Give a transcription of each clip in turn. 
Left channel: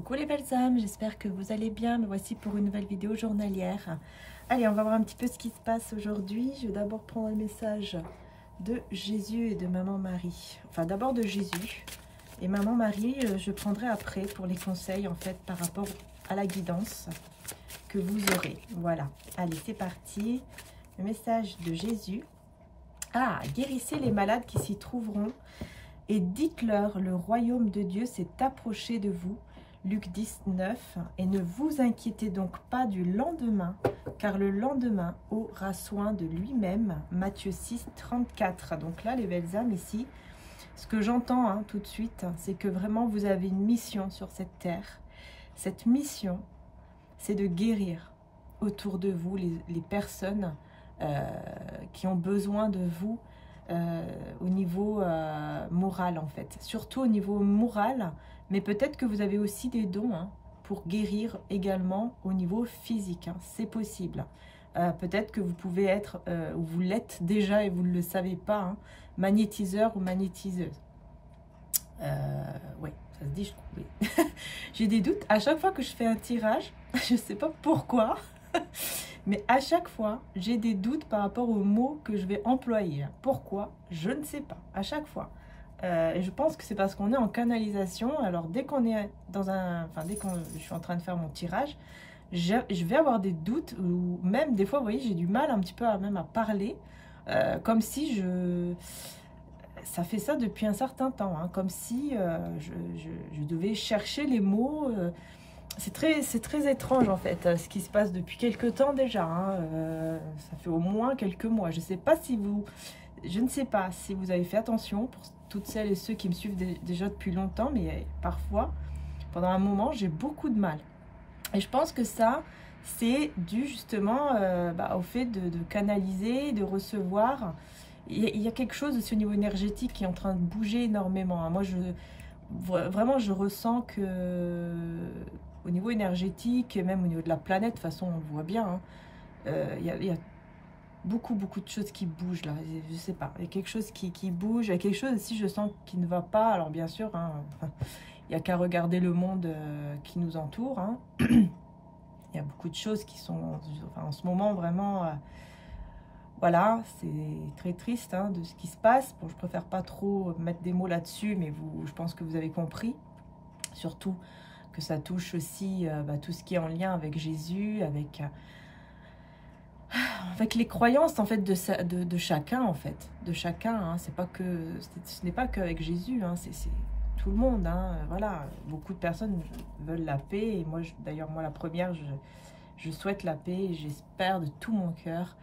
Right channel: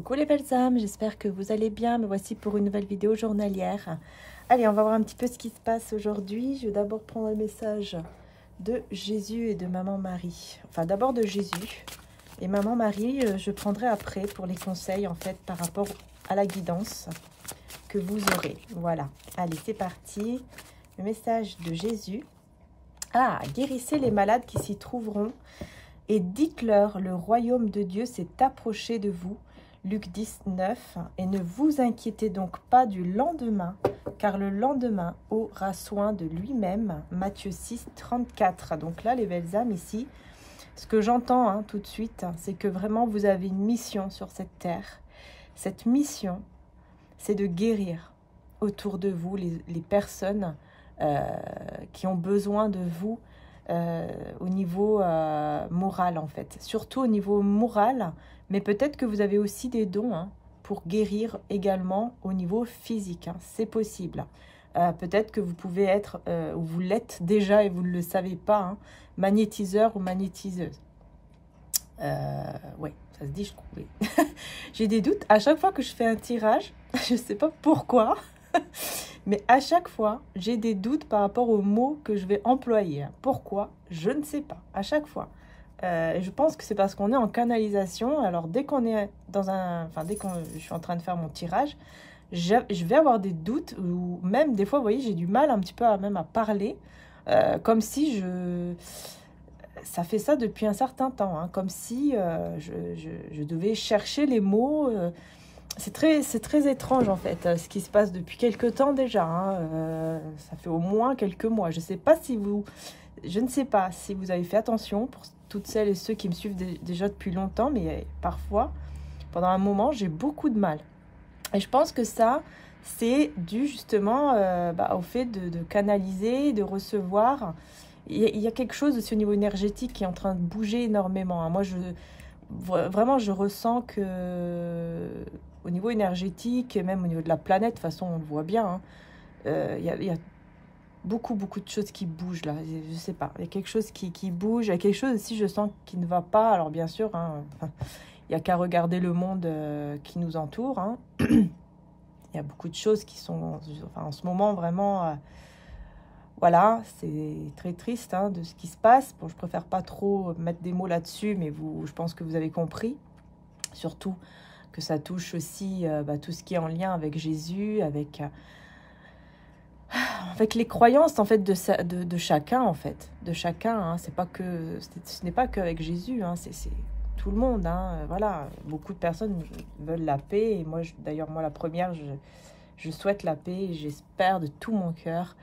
Coucou les belles âmes, j'espère que vous allez bien. Me voici pour une nouvelle vidéo journalière. Allez, on va voir un petit peu ce qui se passe aujourd'hui. Je vais d'abord prendre le message de Jésus et de Maman Marie. Enfin, d'abord de Jésus. Et Maman Marie, je prendrai après pour les conseils, en fait, par rapport à la guidance que vous aurez. Voilà. Allez, c'est parti. Le message de Jésus. Ah, guérissez les malades qui s'y trouveront et dites-leur, le royaume de Dieu s'est approché de vous. Luc 19, et ne vous inquiétez donc pas du lendemain, car le lendemain aura soin de lui-même. Matthieu 6, 34. Donc là, les belles âmes, ici, ce que j'entends tout de suite, c'est que vraiment vous avez une mission sur cette terre. Cette mission, c'est de guérir autour de vous les personnes qui ont besoin de vous au niveau moral, en fait. Surtout au niveau moral. Mais peut-être que vous avez aussi des dons pour guérir également au niveau physique. C'est possible. Peut-être que vous pouvez être, ou vous l'êtes déjà et vous ne le savez pas, magnétiseur ou magnétiseuse. Oui, ça se dit, je trouve. Oui. J'ai des doutes. À chaque fois que je fais un tirage, je ne sais pas pourquoi, mais à chaque fois, j'ai des doutes par rapport aux mots que je vais employer. Pourquoi? Je ne sais pas. À chaque fois. Je pense que c'est parce qu'on est en canalisation. Alors dès qu'on est dans un... Enfin, dès que je suis en train de faire mon tirage, je vais avoir des doutes. Ou même des fois, vous voyez, j'ai du mal un petit peu même à parler. Comme si je... Ça fait ça depuis un certain temps. Comme si je devais chercher les mots. C'est très étrange en fait, ce qui se passe depuis quelques temps déjà. Ça fait au moins quelques mois. Je ne sais pas si vous... Je ne sais pas si vous avez fait attention pour toutes celles et ceux qui me suivent déjà depuis longtemps, mais parfois, pendant un moment, j'ai beaucoup de mal. Et je pense que ça, c'est dû justement au fait de canaliser, de recevoir. Il y a quelque chose aussi au niveau énergétique qui est en train de bouger énormément. Moi, vraiment, je ressens que au niveau énergétique, et même au niveau de la planète, de toute façon, on le voit bien, il y a beaucoup de choses qui bougent là, je sais pas, il y a quelque chose qui bouge, il y a quelque chose aussi je sens qui ne va pas. Alors bien sûr, il n'y a qu'à regarder le monde qui nous entoure, il y a beaucoup de choses qui sont, en ce moment vraiment, voilà, c'est très triste de ce qui se passe. Bon, je préfère pas trop mettre des mots là-dessus, mais je pense que vous avez compris, surtout que ça touche aussi tout ce qui est en lien avec Jésus, avec les croyances en fait de chacun, en fait, de chacun. C'est pas que ce n'est pas qu'avec Jésus, c'est tout le monde. Voilà, beaucoup de personnes veulent la paix, et moi d'ailleurs moi la première, je souhaite la paix, et j'espère de tout mon cœur,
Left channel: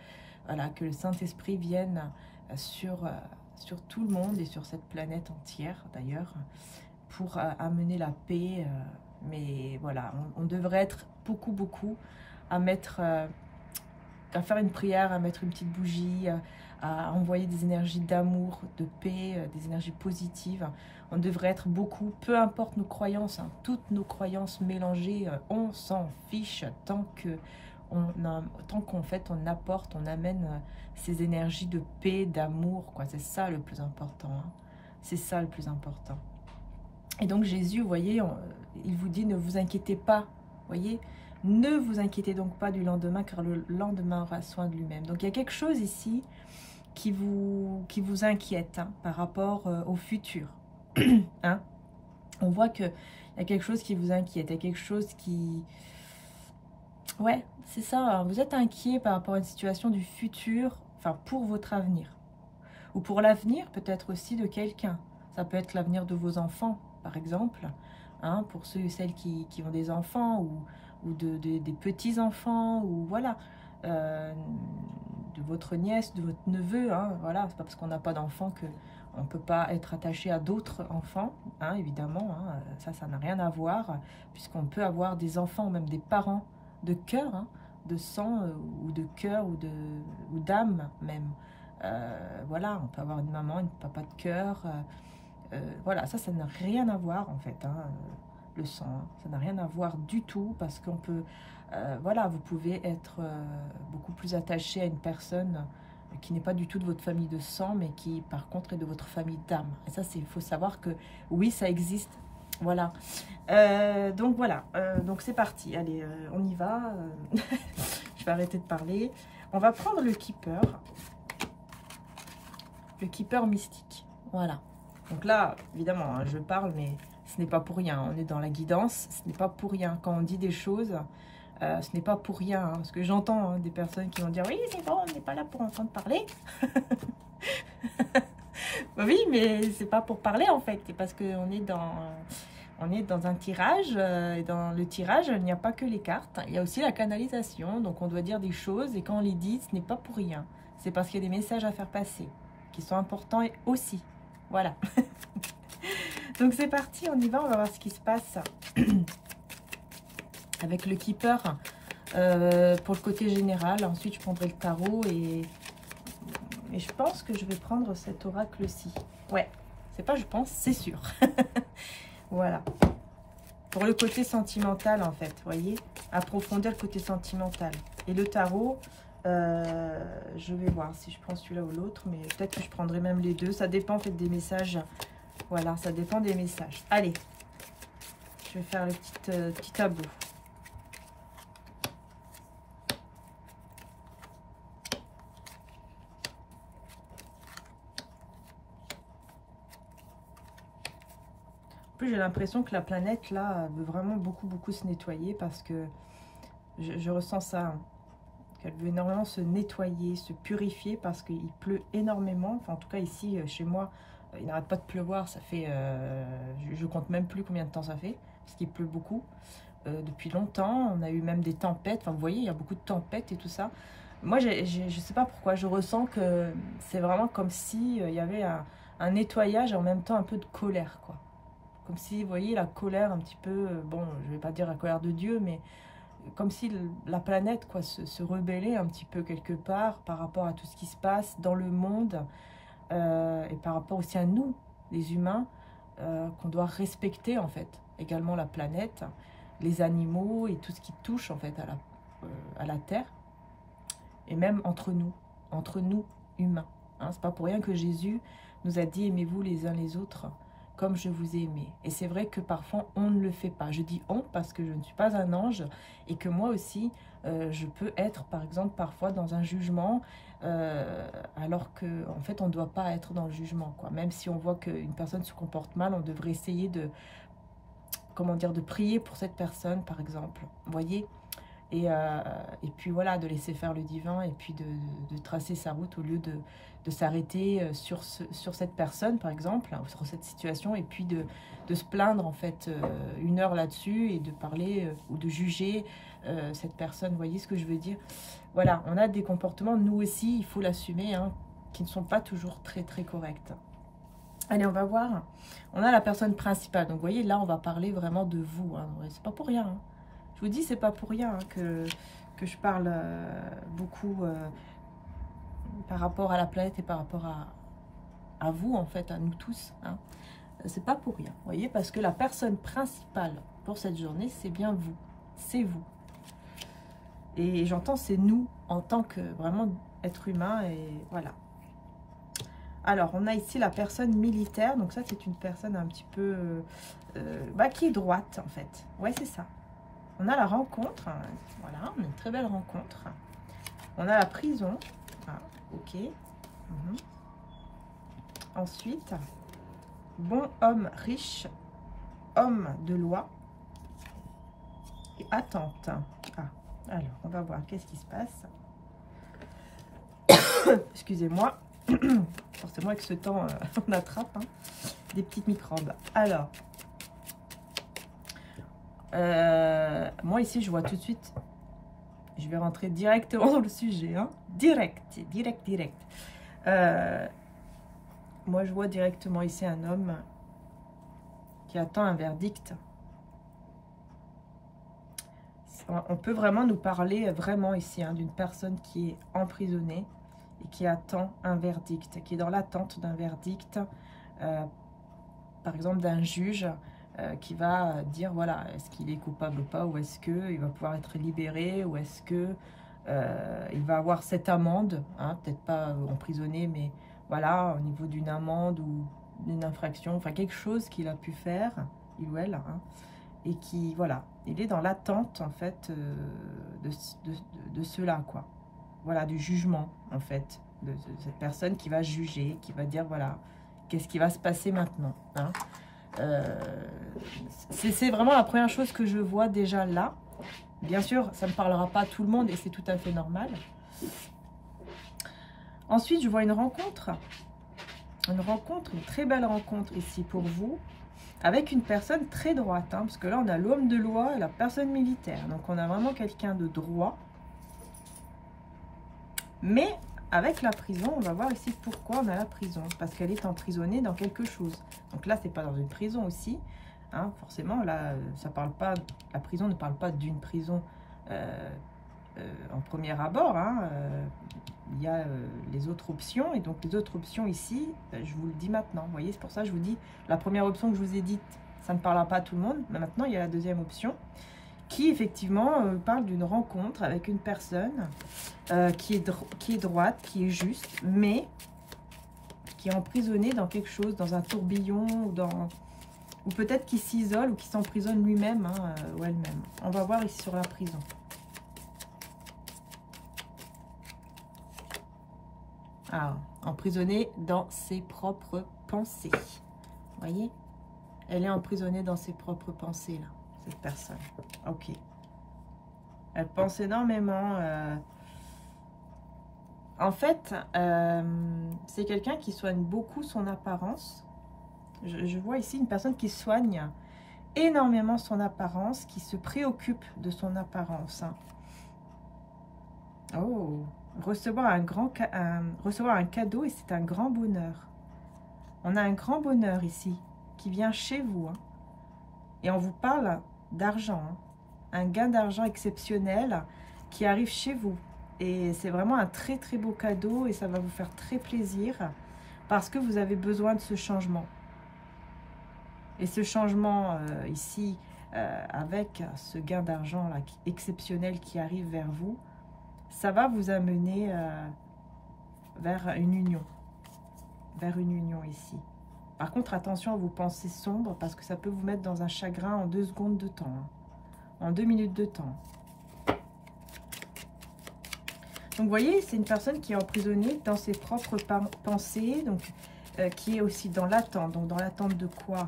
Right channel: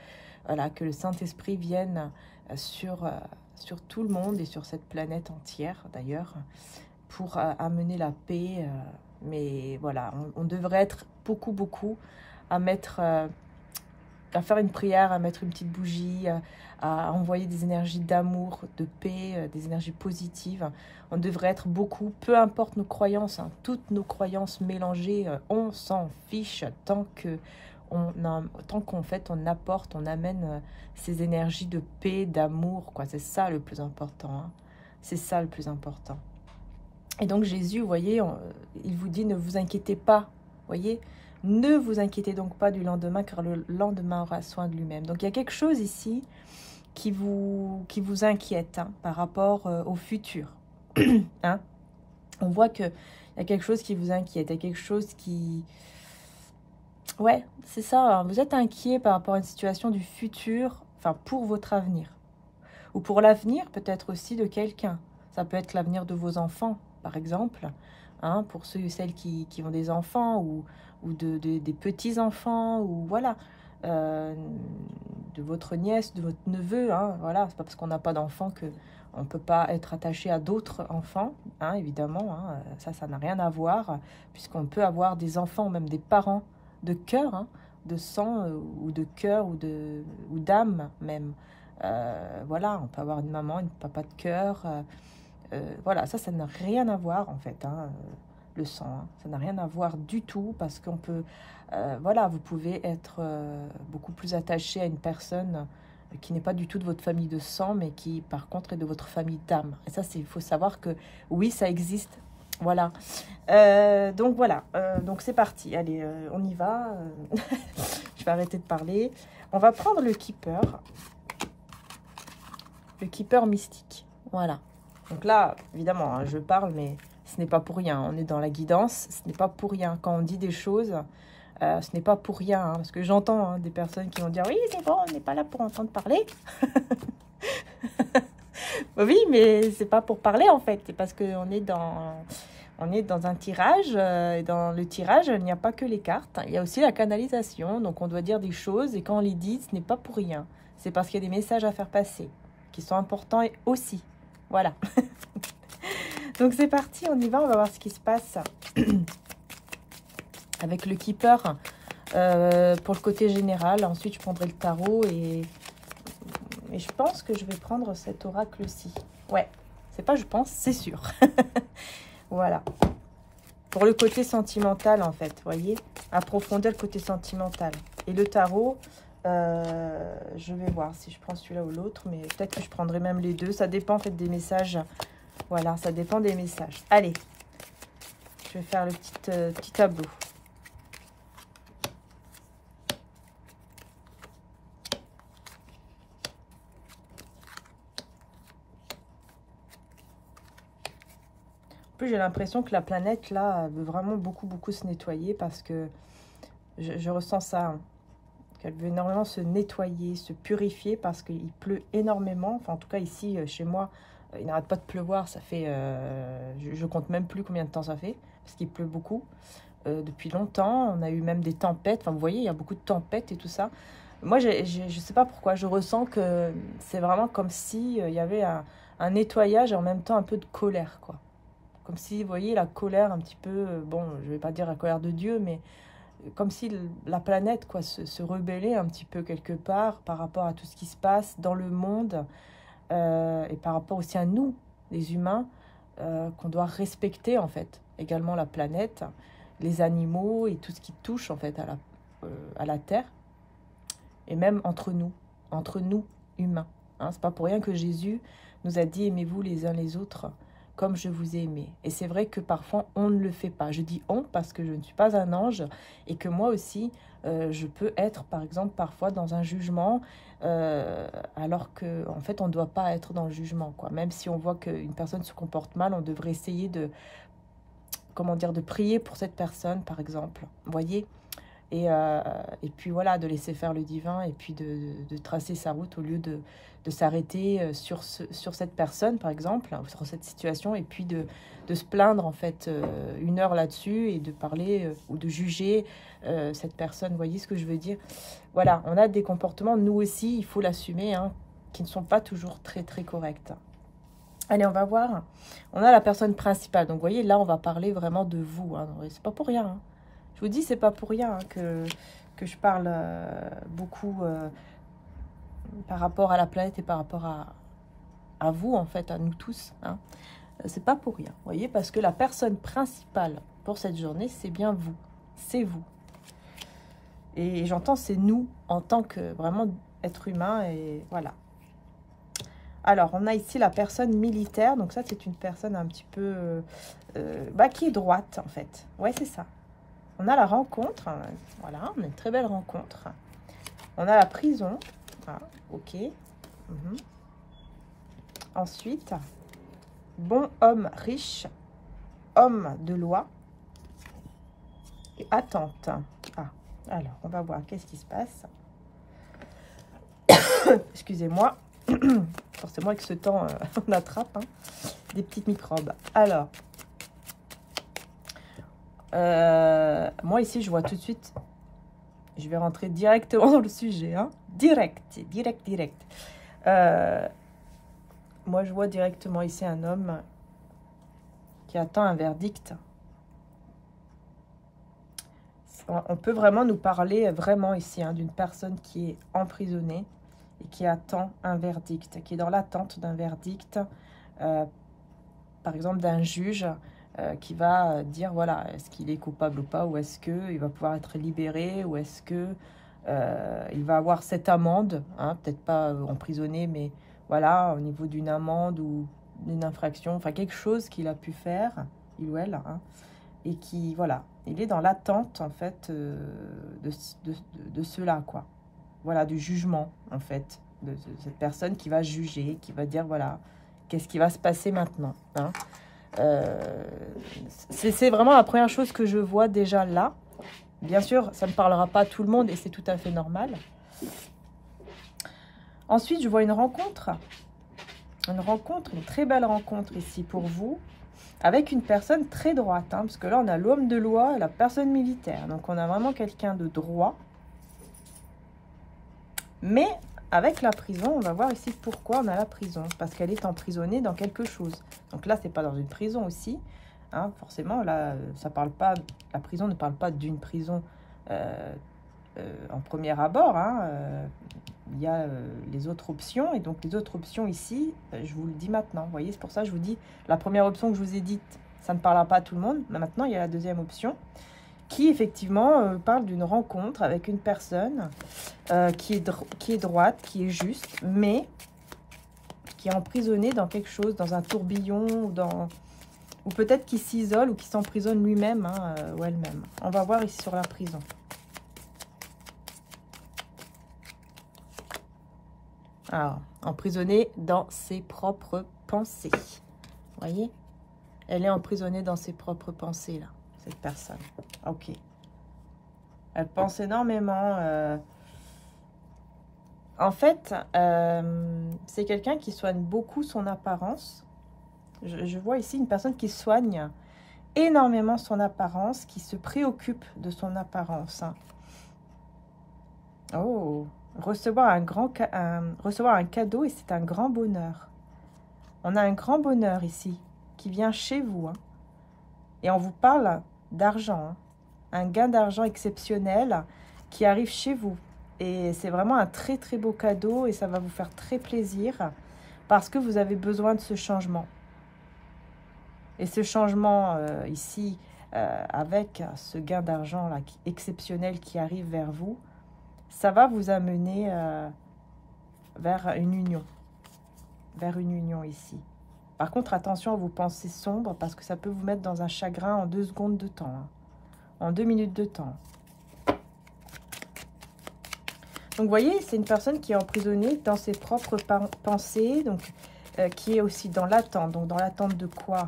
voilà, que le Saint-Esprit vienne sur tout le monde et sur cette planète entière d'ailleurs, pour amener la paix. Mais voilà, on devrait être beaucoup à mettre à faire une prière, à mettre une petite bougie, à envoyer des énergies d'amour, de paix, des énergies positives. On devrait être beaucoup, peu importe nos croyances, toutes nos croyances mélangées, on s'en fiche tant qu'en fait on apporte, on amène ces énergies de paix, d'amour, quoi. C'est ça le plus important. C'est ça le plus important. Et donc Jésus, vous voyez, il vous dit, ne vous inquiétez pas, vous voyez. Ne vous inquiétez donc pas du lendemain, car le lendemain aura soin de lui-même. Donc il y a quelque chose ici qui vous inquiète par rapport au futur. On voit qu'il y a quelque chose qui vous inquiète, il y a quelque chose qui... Ouais, c'est ça, vous êtes inquiet par rapport à une situation du futur, enfin pour votre avenir. Ou pour l'avenir peut-être aussi de quelqu'un. Ça peut être l'avenir de vos enfants, par exemple, pour ceux et celles qui ont des enfants, ou des petits-enfants, ou voilà, de votre nièce, de votre neveu, voilà, c'est pas parce qu'on n'a pas d'enfants qu'on ne peut pas être attaché à d'autres enfants, évidemment, ça n'a rien à voir, puisqu'on peut avoir des enfants, ou même des parents de cœur, de sang, ou de cœur, ou d'âme même, voilà, on peut avoir une maman, un papa de cœur, voilà, ça n'a rien à voir en fait, le sang, ça n'a rien à voir du tout, parce qu'on peut, voilà, vous pouvez être beaucoup plus attaché à une personne qui n'est pas du tout de votre famille de sang, mais qui par contre est de votre famille d'âme. Et ça, il faut savoir que oui, ça existe, Voilà. Donc voilà, donc c'est parti. Allez, on y va. Je vais arrêter de parler. On va prendre le keeper. Le keeper mystique. Voilà. Donc là, évidemment, hein, je parle, mais ce n'est pas pour rien. On est dans la guidance. Ce n'est pas pour rien. Quand on dit des choses, ce n'est pas pour rien. Hein, parce que j'entends hein, des personnes qui vont dire « Oui, c'est bon, on n'est pas là pour entendre parler. » Oui, mais c'est pas pour parler, en fait. C'est parce qu'on est dans un tirage. Et dans le tirage, il n'y a pas que les cartes. Il y a aussi la canalisation. Donc, on doit dire des choses. Et quand on les dit, ce n'est pas pour rien. C'est parce qu'il y a des messages à faire passer qui sont importants aussi. Voilà. Donc, c'est parti. On y va. On va voir ce qui se passe avec le keeper pour le côté général. Ensuite, je prendrai le tarot et je pense que je vais prendre cet oracle-ci. Ouais. C'est pas je pense, c'est sûr. Voilà. Pour le côté sentimental, en fait, vous voyez, approfondir le côté sentimental. Et le tarot, je vais voir si je prends celui-là ou l'autre, mais peut-être que je prendrai même les deux. Ça dépend, en fait, des messages. Voilà, ça dépend des messages. Allez, je vais faire le petit tableau. J'ai l'impression que la planète, là, veut vraiment beaucoup se nettoyer parce que je ressens ça. Hein, qu'elle veut énormément se nettoyer, se purifier parce qu'il pleut énormément. Enfin, en tout cas, ici, chez moi, il n'arrête pas de pleuvoir. Ça fait... je compte même plus combien de temps ça fait parce qu'il pleut beaucoup. Depuis longtemps, on a eu même des tempêtes. Enfin, vous voyez, il y a beaucoup de tempêtes et tout ça. Moi, je ne sais pas pourquoi. Je ressens que c'est vraiment comme si il y avait un nettoyage et en même temps un peu de colère, quoi. Comme si, vous voyez, la colère un petit peu, bon, je ne vais pas dire la colère de Dieu, mais comme si la planète, quoi, se rebellait un petit peu quelque part par rapport à tout ce qui se passe dans le monde et par rapport aussi à nous, les humains, qu'on doit respecter, en fait, également la planète, les animaux et tout ce qui touche, en fait, à la Terre, et même entre nous humains. Hein. C'est pas pour rien que Jésus nous a dit « Aimez-vous les uns les autres » comme je vous ai aimé. Et c'est vrai que parfois, on ne le fait pas. Je dis « on » parce que je ne suis pas un ange et que moi aussi, je peux être, par exemple, parfois dans un jugement alors qu'en fait, on ne doit pas être dans le jugement, quoi. Même si on voit qu'une personne se comporte mal, on devrait essayer de, comment dire, de prier pour cette personne, par exemple. Vous voyez ? Et puis voilà, de laisser faire le divin et puis de tracer sa route au lieu de s'arrêter sur cette personne, par exemple, hein, sur cette situation, et puis de se plaindre, en fait, une heure là-dessus et de parler ou de juger cette personne. Vous voyez ce que je veux dire? Voilà, on a des comportements, nous aussi, il faut l'assumer, hein, qui ne sont pas toujours très corrects. Allez, on va voir. On a la personne principale. Donc, vous voyez, là, on va parler vraiment de vous. Hein. C'est pas pour rien, hein. Je vous dis, c'est pas pour rien hein, que je parle beaucoup par rapport à la planète et par rapport à vous, en fait, à nous tous. Hein. C'est pas pour rien, vous voyez, parce que la personne principale pour cette journée, c'est bien vous. C'est vous. Et j'entends, c'est nous, en tant que vraiment être humain, et voilà. Alors, on a ici la personne militaire. Donc ça, c'est une personne un petit peu... qui est droite, en fait. Ouais, c'est ça. On a la rencontre, voilà, on a une très belle rencontre. On a la prison, ah, ok. Ensuite, bon homme riche, homme de loi et attente. Ah, alors, on va voir qu'est-ce qui se passe. Excusez-moi, forcément avec ce temps, on attrape hein, des petites microbes. Alors, moi ici je vois tout de suite, je vais rentrer directement dans le sujet, hein. Direct. Moi je vois directement ici un homme qui attend un verdict. On peut vraiment nous parler vraiment ici hein, d'une personne qui est emprisonnée et qui attend un verdict, qui est dans l'attente d'un verdict, par exemple d'un juge qui va dire, voilà, est-ce qu'il est coupable ou pas, ou est-ce qu'il va pouvoir être libéré, ou est-ce que il va avoir cette amende, hein, peut-être pas emprisonné, mais voilà, au niveau d'une amende ou d'une infraction, enfin quelque chose qu'il a pu faire, il ou elle, hein, et qui, voilà, il est dans l'attente, en fait, de cela, quoi. Voilà, du jugement, en fait, de cette personne qui va juger, qui va dire, voilà, qu'est-ce qui va se passer maintenant, hein. C'est vraiment la première chose que je vois déjà là. Bien sûr, ça ne parlera pas à tout le monde et c'est tout à fait normal. Ensuite, je vois une rencontre, une très belle rencontre ici pour vous, avec une personne très droite, hein, parce que là, on a l'homme de loi et la personne militaire. Donc, on a vraiment quelqu'un de droit. Mais avec la prison, on va voir ici pourquoi on a la prison. Parce qu'elle est emprisonnée dans quelque chose. Donc là, c'est pas dans une prison aussi. Hein, forcément, là, ça parle pas, la prison ne parle pas d'une prison en premier abord. Hein, il y a les autres options. Et donc, les autres options ici, je vous le dis maintenant. Vous voyez, c'est pour ça que je vous dis, la première option que je vous ai dite, ça ne parlera pas à tout le monde. Mais maintenant, il y a la deuxième option qui, effectivement, parle d'une rencontre avec une personne qui est droite, qui est juste, mais qui est emprisonnée dans quelque chose, dans un tourbillon, ou peut-être qui s'isole ou qui s'emprisonne lui-même, hein, ou elle-même. On va voir ici sur la prison. Alors, emprisonnée dans ses propres pensées. Vous voyez? Elle est emprisonnée dans ses propres pensées, là, cette personne. Ok. Elle pense énormément. En fait, c'est quelqu'un qui soigne beaucoup son apparence. Je vois ici une personne qui soigne énormément son apparence, qui se préoccupe de son apparence. Oh, recevoir un cadeau et c'est un grand bonheur. On a un grand bonheur ici qui vient chez vous. Hein. Et on vous parle d'argent. Hein. Un gain d'argent exceptionnel qui arrive chez vous. Et c'est vraiment un très très beau cadeau et ça va vous faire très plaisir parce que vous avez besoin de ce changement. Et ce changement ici, avec ce gain d'argent là exceptionnel qui arrive vers vous, ça va vous amener vers une union. Vers une union ici. Par contre, attention à vos pensées sombres parce que ça peut vous mettre dans un chagrin en 2 secondes de temps. Hein. En 2 minutes de temps. Donc, vous voyez, c'est une personne qui est emprisonnée dans ses propres pensées, donc qui est aussi dans l'attente. Donc, dans l'attente de quoi?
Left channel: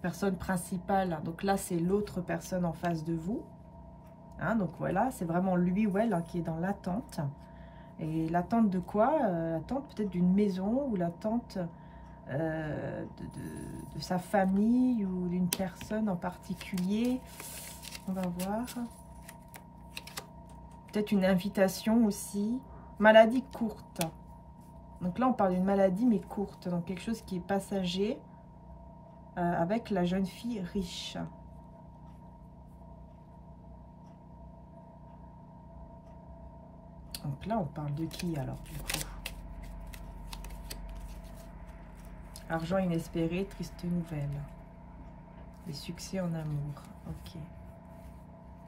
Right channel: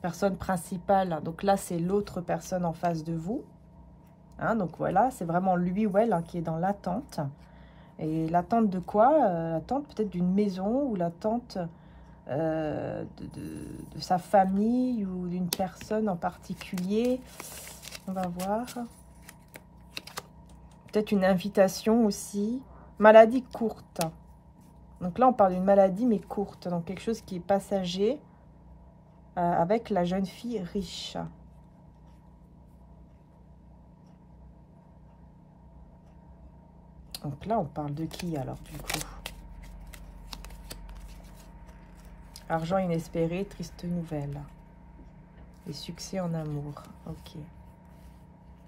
Personne principale. Donc là, c'est l'autre personne en face de vous. Hein, donc voilà, c'est vraiment lui ou elle hein, qui est dans l'attente. Et l'attente de quoi? L'attente peut-être d'une maison ou l'attente de sa famille ou d'une personne en particulier. On va voir. Peut-être une invitation aussi. Maladie courte. Donc là, on parle d'une maladie, mais courte. Donc quelque chose qui est passager avec la jeune fille riche. Donc là, on parle de qui alors, du coup? Argent inespéré, triste nouvelle. Et succès en amour. Ok.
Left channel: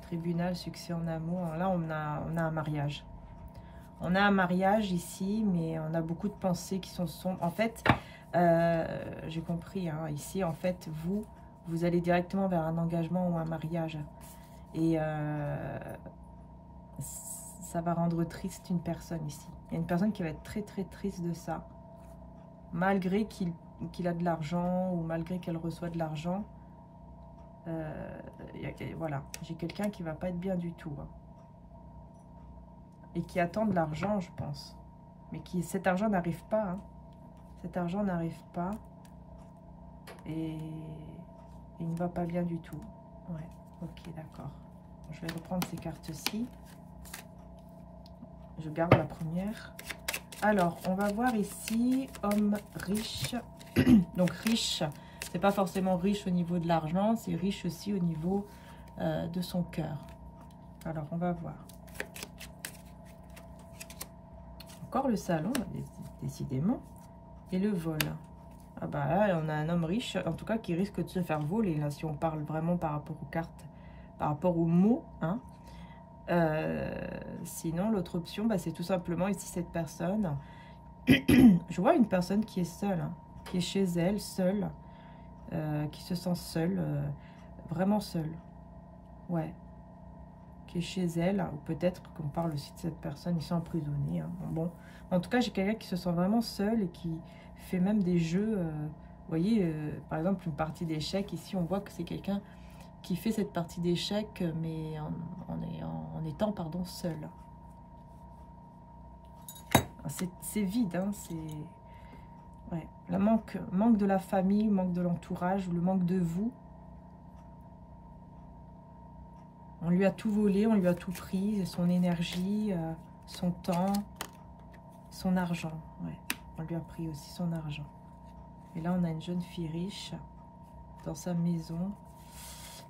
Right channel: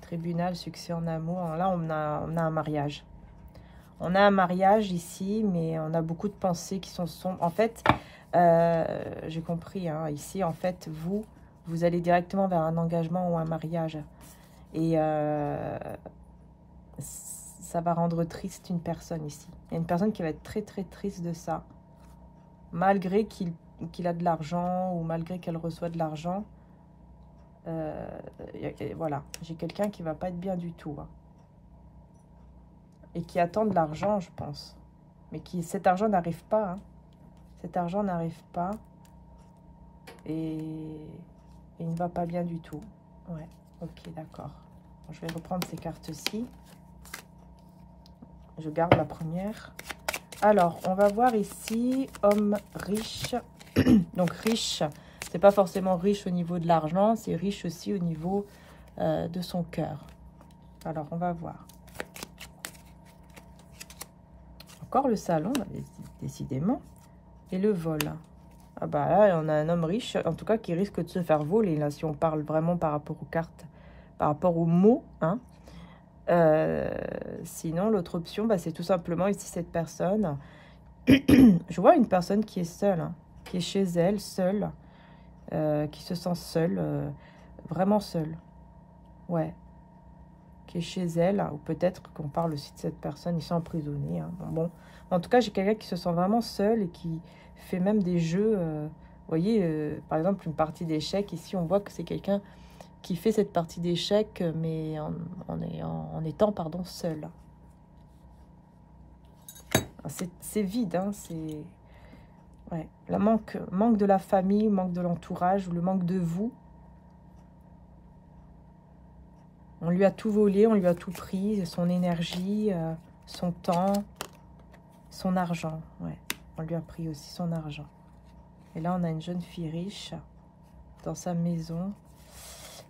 Tribunal, succès en amour. Alors là, on a un mariage. On a un mariage ici, mais on a beaucoup de pensées qui sont sombres. En fait, j'ai compris, hein, ici, en fait, vous allez directement vers un engagement ou un mariage. Et ça va rendre triste une personne ici. Il y a une personne qui va être très, très triste de ça. Malgré qu'il a de l'argent ou malgré qu'elle reçoit de l'argent. Voilà, j'ai quelqu'un qui va pas être bien du tout. Hein. Et qui attend de l'argent, je pense. Mais cet argent n'arrive pas. Hein. Cet argent n'arrive pas. Et il ne va pas bien du tout. Ouais, ok, d'accord. Je vais reprendre ces cartes-ci. Je garde la première. Alors, on va voir ici, homme riche. Donc, riche, c'est pas forcément riche au niveau de l'argent, c'est riche aussi au niveau de son cœur. Alors, on va voir. Encore le salon, décidément. Et le vol. Ah bah là, on a un homme riche, en tout cas, qui risque de se faire voler, là, si on parle vraiment par rapport aux cartes, par rapport aux mots, hein. Sinon, l'autre option, bah, c'est tout simplement ici cette personne. Je vois une personne qui est seule, hein, qui est chez elle, seule, qui se sent seule, vraiment seule. Ouais. Qui est chez elle, ou peut-être qu'on parle aussi de cette personne, ils sont emprisonnés. Hein. Bon, en tout cas, j'ai quelqu'un qui se sent vraiment seul et qui fait même des jeux. Vous voyez, par exemple, une partie d'échecs. Ici, on voit que c'est quelqu'un qui fait cette partie d'échecs, mais en étant, pardon, seul. C'est vide, hein, c'est... Ouais. Le manque de la famille, manque de l'entourage, ou le manque de vous. On lui a tout volé, on lui a tout pris, son énergie, son temps, son argent. Ouais, on lui a pris aussi son argent. Et là, on a une jeune fille riche dans sa maison.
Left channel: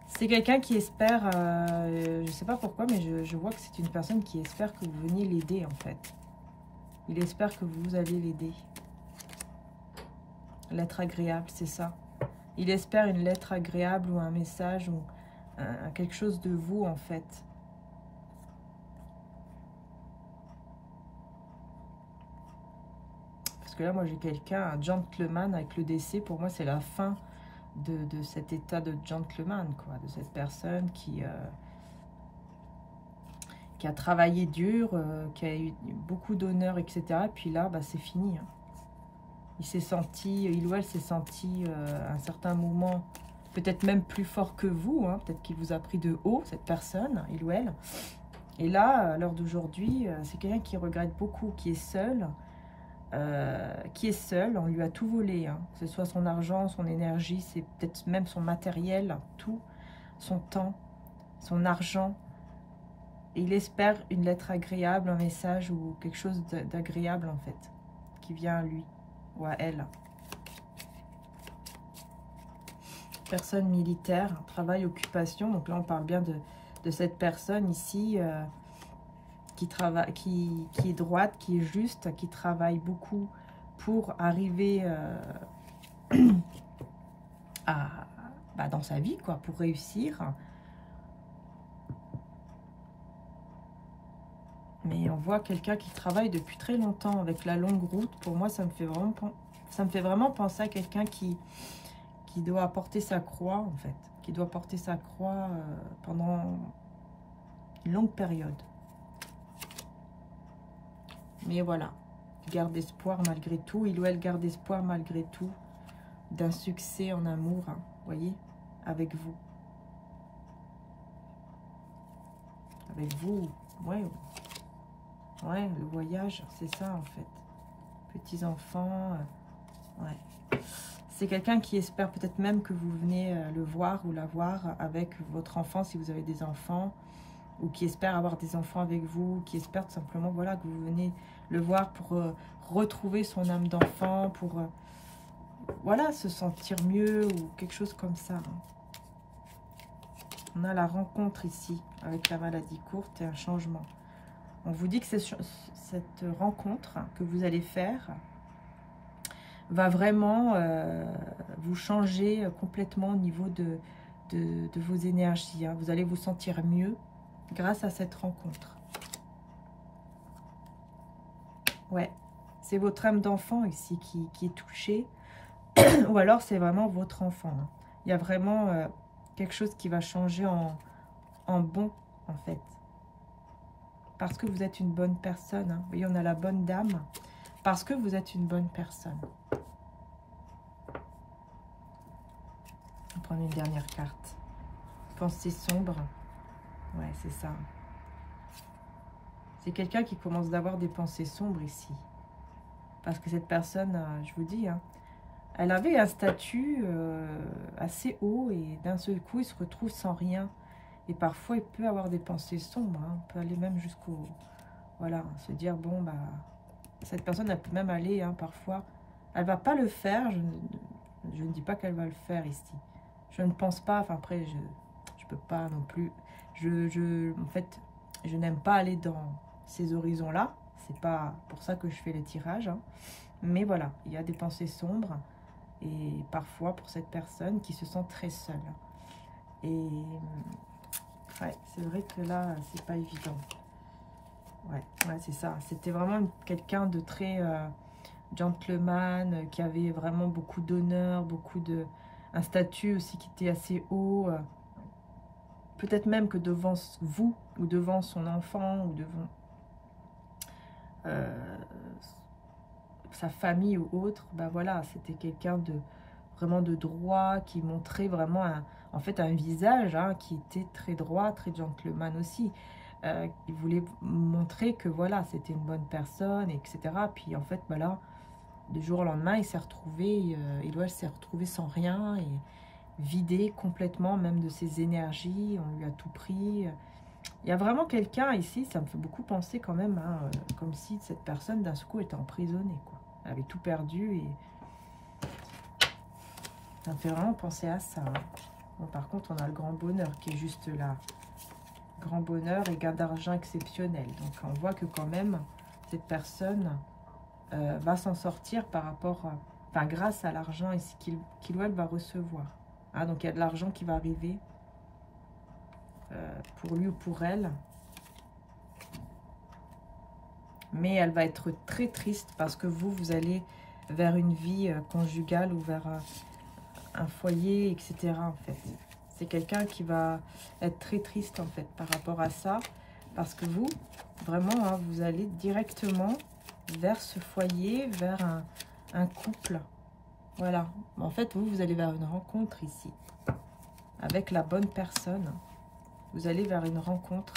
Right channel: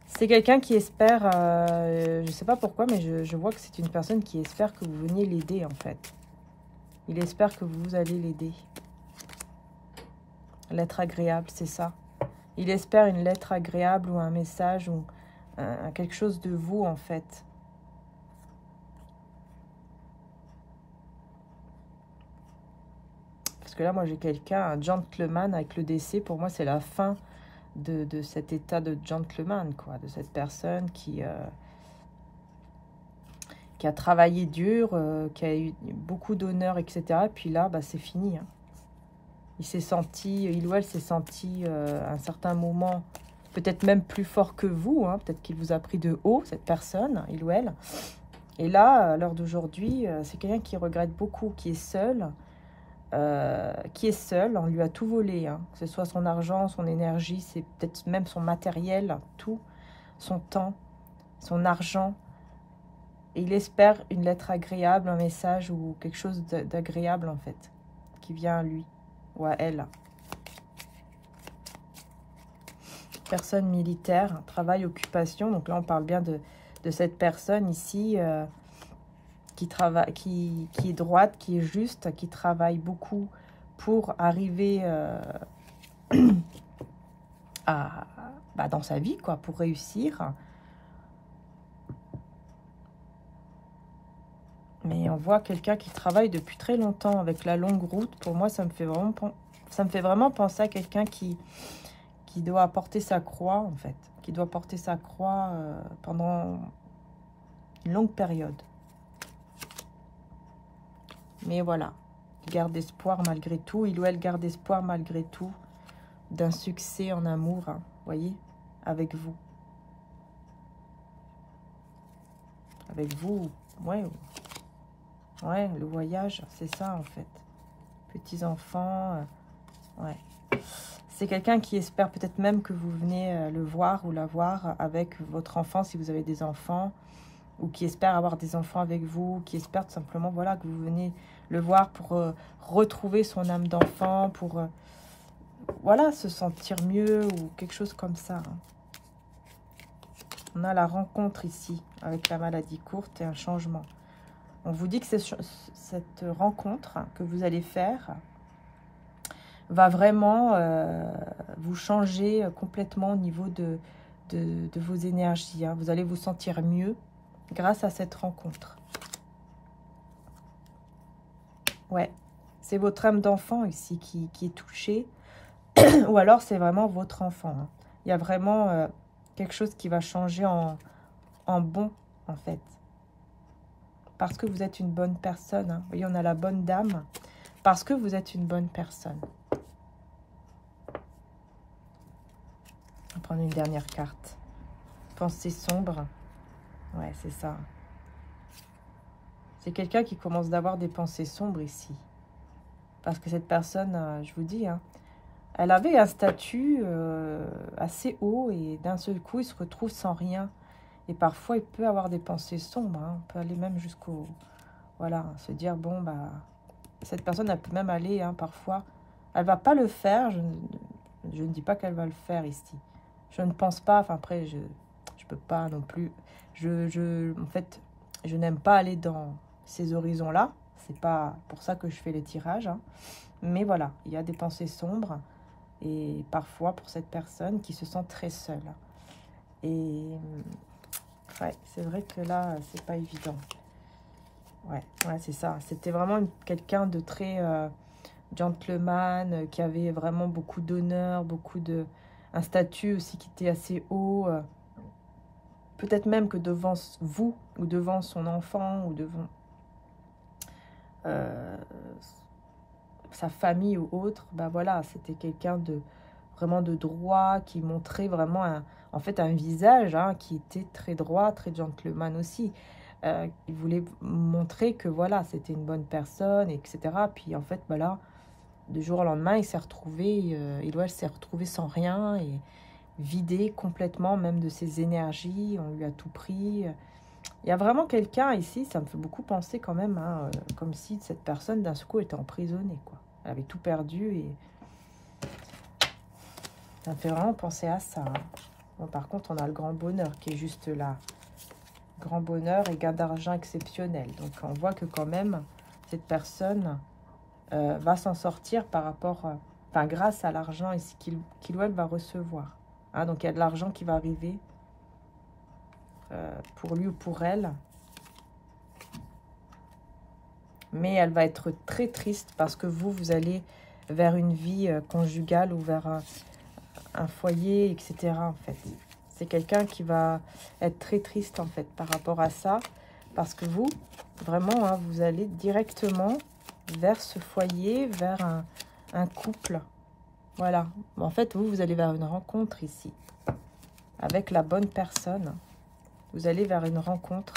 C'est quelqu'un qui espère, je ne sais pas pourquoi, mais je vois que c'est une personne qui espère que vous veniez l'aider, en fait. Il espère que vous allez l'aider. Lettre agréable, c'est ça. Il espère une lettre agréable ou un message ou quelque chose de vous, en fait. Parce que là, moi, j'ai quelqu'un, un gentleman avec le décès. Pour moi, c'est la fin de cet état de gentleman, quoi. De cette personne qui a travaillé dur, qui a eu beaucoup d'honneur, etc. Et puis là, bah, c'est fini. Hein. Il s'est senti, il ou elle s'est senti à un certain moment, peut-être même plus fort que vous. Hein. Peut-être qu'il vous a pris de haut, cette personne, il ou elle. Et là, à l'heure d'aujourd'hui, c'est quelqu'un qui regrette beaucoup, qui est seul. On lui a tout volé, hein. Que ce soit son argent, son énergie, c'est peut-être même son matériel, tout, son temps, son argent. Et il espère une lettre agréable, un message ou quelque chose d'agréable, en fait, qui vient à lui ou à elle. Personne militaire, travail, occupation. Donc là, on parle bien de cette personne ici qui travaille, qui est droite, qui est juste, qui travaille beaucoup pour arriver dans sa vie, quoi, pour réussir. Mais on voit quelqu'un qui travaille depuis très longtemps avec la longue route. Pour moi, ça me fait vraiment penser à quelqu'un qui doit porter sa croix, en fait. Qui doit porter sa croix pendant une longue période. Mais voilà, garde espoir malgré tout. Il ou elle garde espoir malgré tout d'un succès en amour, hein, voyez, avec vous. Avec vous, ouais. Ouais, le voyage, c'est ça en fait. Petits-enfants, ouais. C'est quelqu'un qui espère peut-être même que vous venez le voir ou la voir avec votre enfant si vous avez des enfants. Ou qui espère avoir des enfants avec vous, qui espère tout simplement voilà, que vous venez le voir pour retrouver son âme d'enfant, pour voilà, se sentir mieux ou quelque chose comme ça. Hein. On a la rencontre ici avec la maladie courte et un changement. On vous dit que cette rencontre que vous allez faire va vraiment vous changer complètement au niveau de vos énergies. Hein. Vous allez vous sentir mieux grâce à cette rencontre. Ouais, c'est votre âme d'enfant ici qui est touchée. Ou alors c'est vraiment votre enfant. Hein. Il y a vraiment quelque chose qui va changer en bon, en fait. Parce que vous êtes une bonne personne. Hein. Vous voyez, on a la bonne dame. Parce que vous êtes une bonne personne. On va prendre une dernière carte. Pensée sombre. Ouais, c'est ça. C'est quelqu'un qui commence d'avoir des pensées sombres ici. Parce que cette personne, je vous dis, hein, elle avait un statut assez haut et d'un seul coup, il se retrouve sans rien. Et parfois, il peut avoir des pensées sombres. Hein. On peut aller même jusqu'au... Voilà, se dire, bon, bah, cette personne, elle peut même aller, hein, parfois. Elle va pas le faire. Je ne dis pas qu'elle va le faire ici. Je ne pense pas, enfin après, je peux pas non plus... en fait, je n'aime pas aller dans ces horizons-là. C'est pas pour ça que je fais les tirages. Hein. Mais voilà, il y a des pensées sombres. Et parfois, pour cette personne qui se sent très seule. Et ouais, c'est vrai que là, c'est pas évident. Ouais, c'est ça. C'était vraiment quelqu'un de très gentleman, qui avait vraiment beaucoup d'honneur, beaucoup de... un statut aussi qui était assez haut. Peut-être même que devant vous, ou devant son enfant, ou devant sa famille ou autre, ben voilà, c'était quelqu'un de vraiment de droit, qui montrait vraiment en fait un visage hein, qui était très droit, très gentleman aussi. Il voulait montrer que voilà, c'était une bonne personne, etc. Puis en fait, voilà, du jour au lendemain, il s'est retrouvé, elle s'est retrouvé sans rien et vidé complètement, même de ses énergies. On lui a tout pris. Il y a vraiment quelqu'un ici, ça me fait beaucoup penser quand même, hein, comme si cette personne d'un coup était emprisonnée, quoi. Elle avait tout perdu et ça me fait vraiment penser à ça. Hein. Bon, par contre, on a le grand bonheur qui est juste là. Grand bonheur et gain d'argent exceptionnel. Donc, on voit que quand même, cette personne va s'en sortir par rapport, enfin, grâce à l'argent qu'il ou elle va recevoir. Hein, donc, il y a de l'argent qui va arriver pour lui ou pour elle. Mais elle va être très triste parce que vous allez vers une vie conjugale ou vers un foyer, etc. en fait. C'est quelqu'un qui va être très triste en fait par rapport à ça. Parce que vous, vraiment, hein, vous allez directement vers ce foyer, vers un couple. Voilà. En fait, vous allez vers une rencontre ici. Avec la bonne personne. Vous allez vers une rencontre.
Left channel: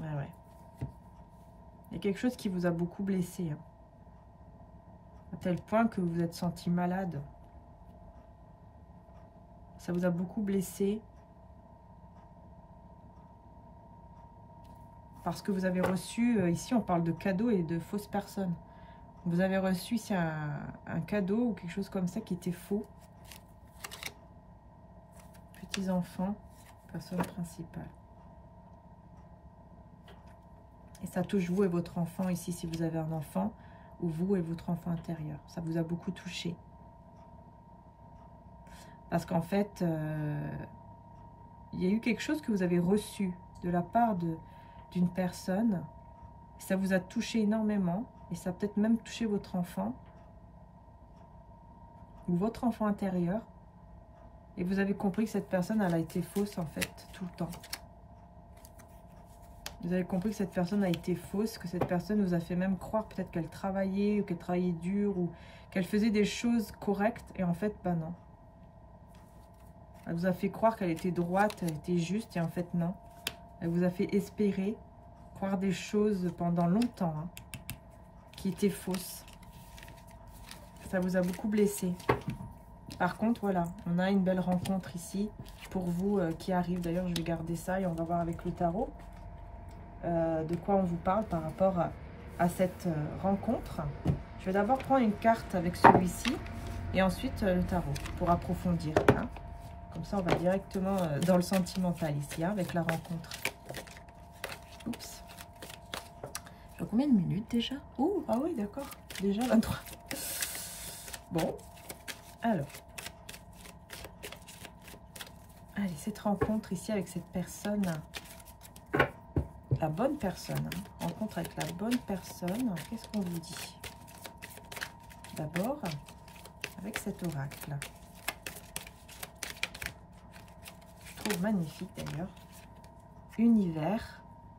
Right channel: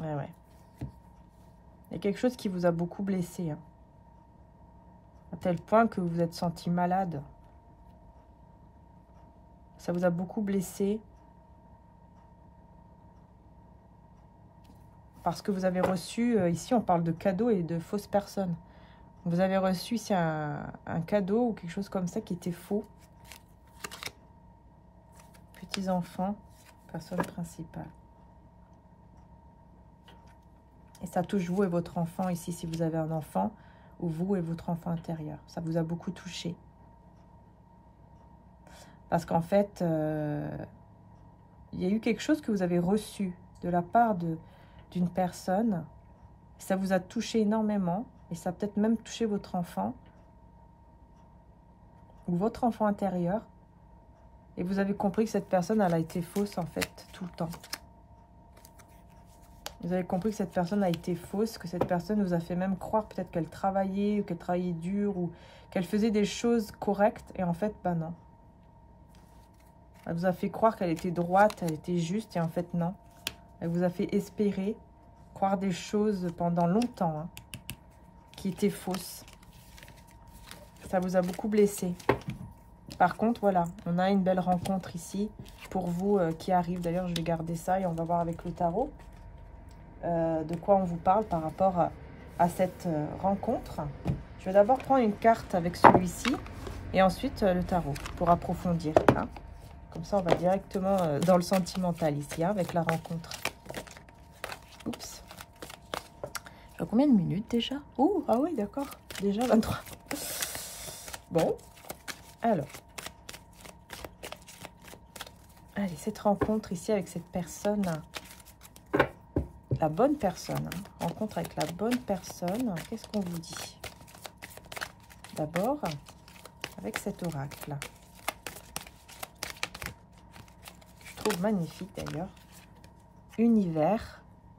Ouais. Il y a quelque chose qui vous a beaucoup blessé. Hein. À tel point que vous vous êtes senti malade. Ça vous a beaucoup blessé. Parce que vous avez reçu, ici on parle de cadeaux et de fausses personnes. Vous avez reçu ici un cadeau ou quelque chose comme ça qui était faux. Petits enfants, personne principale. Et ça touche vous et votre enfant ici, si vous avez un enfant, ou vous et votre enfant intérieur. Ça vous a beaucoup touché. Parce qu'en fait, il y a eu quelque chose que vous avez reçu de la part d'une personne. Ça vous a touché énormément. Et ça a peut-être même touché votre enfant. Ou votre enfant intérieur. Et vous avez compris que cette personne, elle a été fausse en fait, tout le temps. Vous avez compris que cette personne a été fausse, que cette personne vous a fait même croire peut-être qu'elle travaillait, ou qu'elle travaillait dur, ou qu'elle faisait des choses correctes, et en fait, ben non. Elle vous a fait croire qu'elle était droite, elle était juste, et en fait, non. Elle vous a fait espérer, croire des choses pendant longtemps, hein, qui étaient fausses. Ça vous a beaucoup blessé. Par contre, voilà, on a une belle rencontre ici, pour vous qui arrive. D'ailleurs, je vais garder ça, et on va voir avec le tarot. De quoi on vous parle par rapport à cette rencontre. Je vais d'abord prendre une carte avec celui-ci et ensuite le tarot pour approfondir. Hein. Comme ça, on va directement dans le sentimental ici, hein, avec la rencontre. Oups. J'ai combien de minutes déjà? Oh, ah oui, d'accord. Déjà 23. Bon, alors. Allez, cette rencontre ici avec cette personne... La bonne personne, hein. Rencontre avec la bonne personne, qu'est-ce qu'on vous dit? D'abord, avec cet oracle. Je trouve magnifique d'ailleurs. Univers.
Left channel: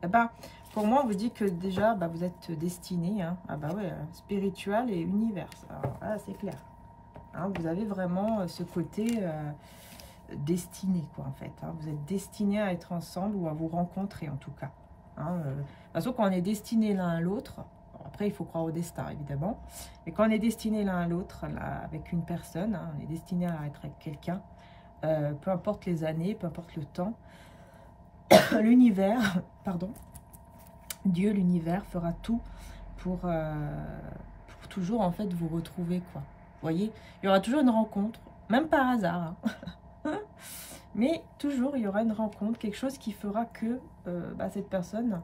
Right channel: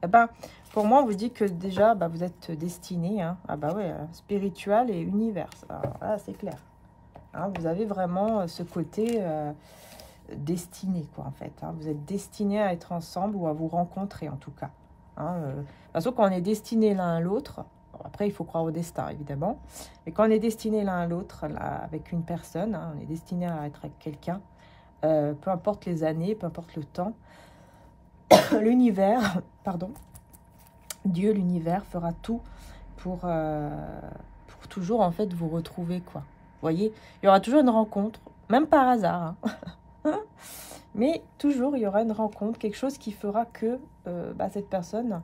Eh ben, pour moi, on vous dit que déjà, bah, vous êtes destiné, hein. Ah bah ouais, spirituel et univers. Voilà, c'est clair. Hein, vous avez vraiment ce côté destiné, quoi, en fait. Hein. Vous êtes destiné à être ensemble ou à vous rencontrer, en tout cas. Hein, de toute façon, quand on est destiné l'un à l'autre, après il faut croire au destin évidemment, mais quand on est destiné l'un à l'autre avec une personne, hein, on est destiné à être avec quelqu'un, peu importe les années, peu importe le temps, l'univers, pardon, Dieu, l'univers fera tout pour toujours en fait vous retrouver, quoi. Vous voyez, il y aura toujours une rencontre, même par hasard, hein. Mais toujours, il y aura une rencontre, quelque chose qui fera que bah, cette personne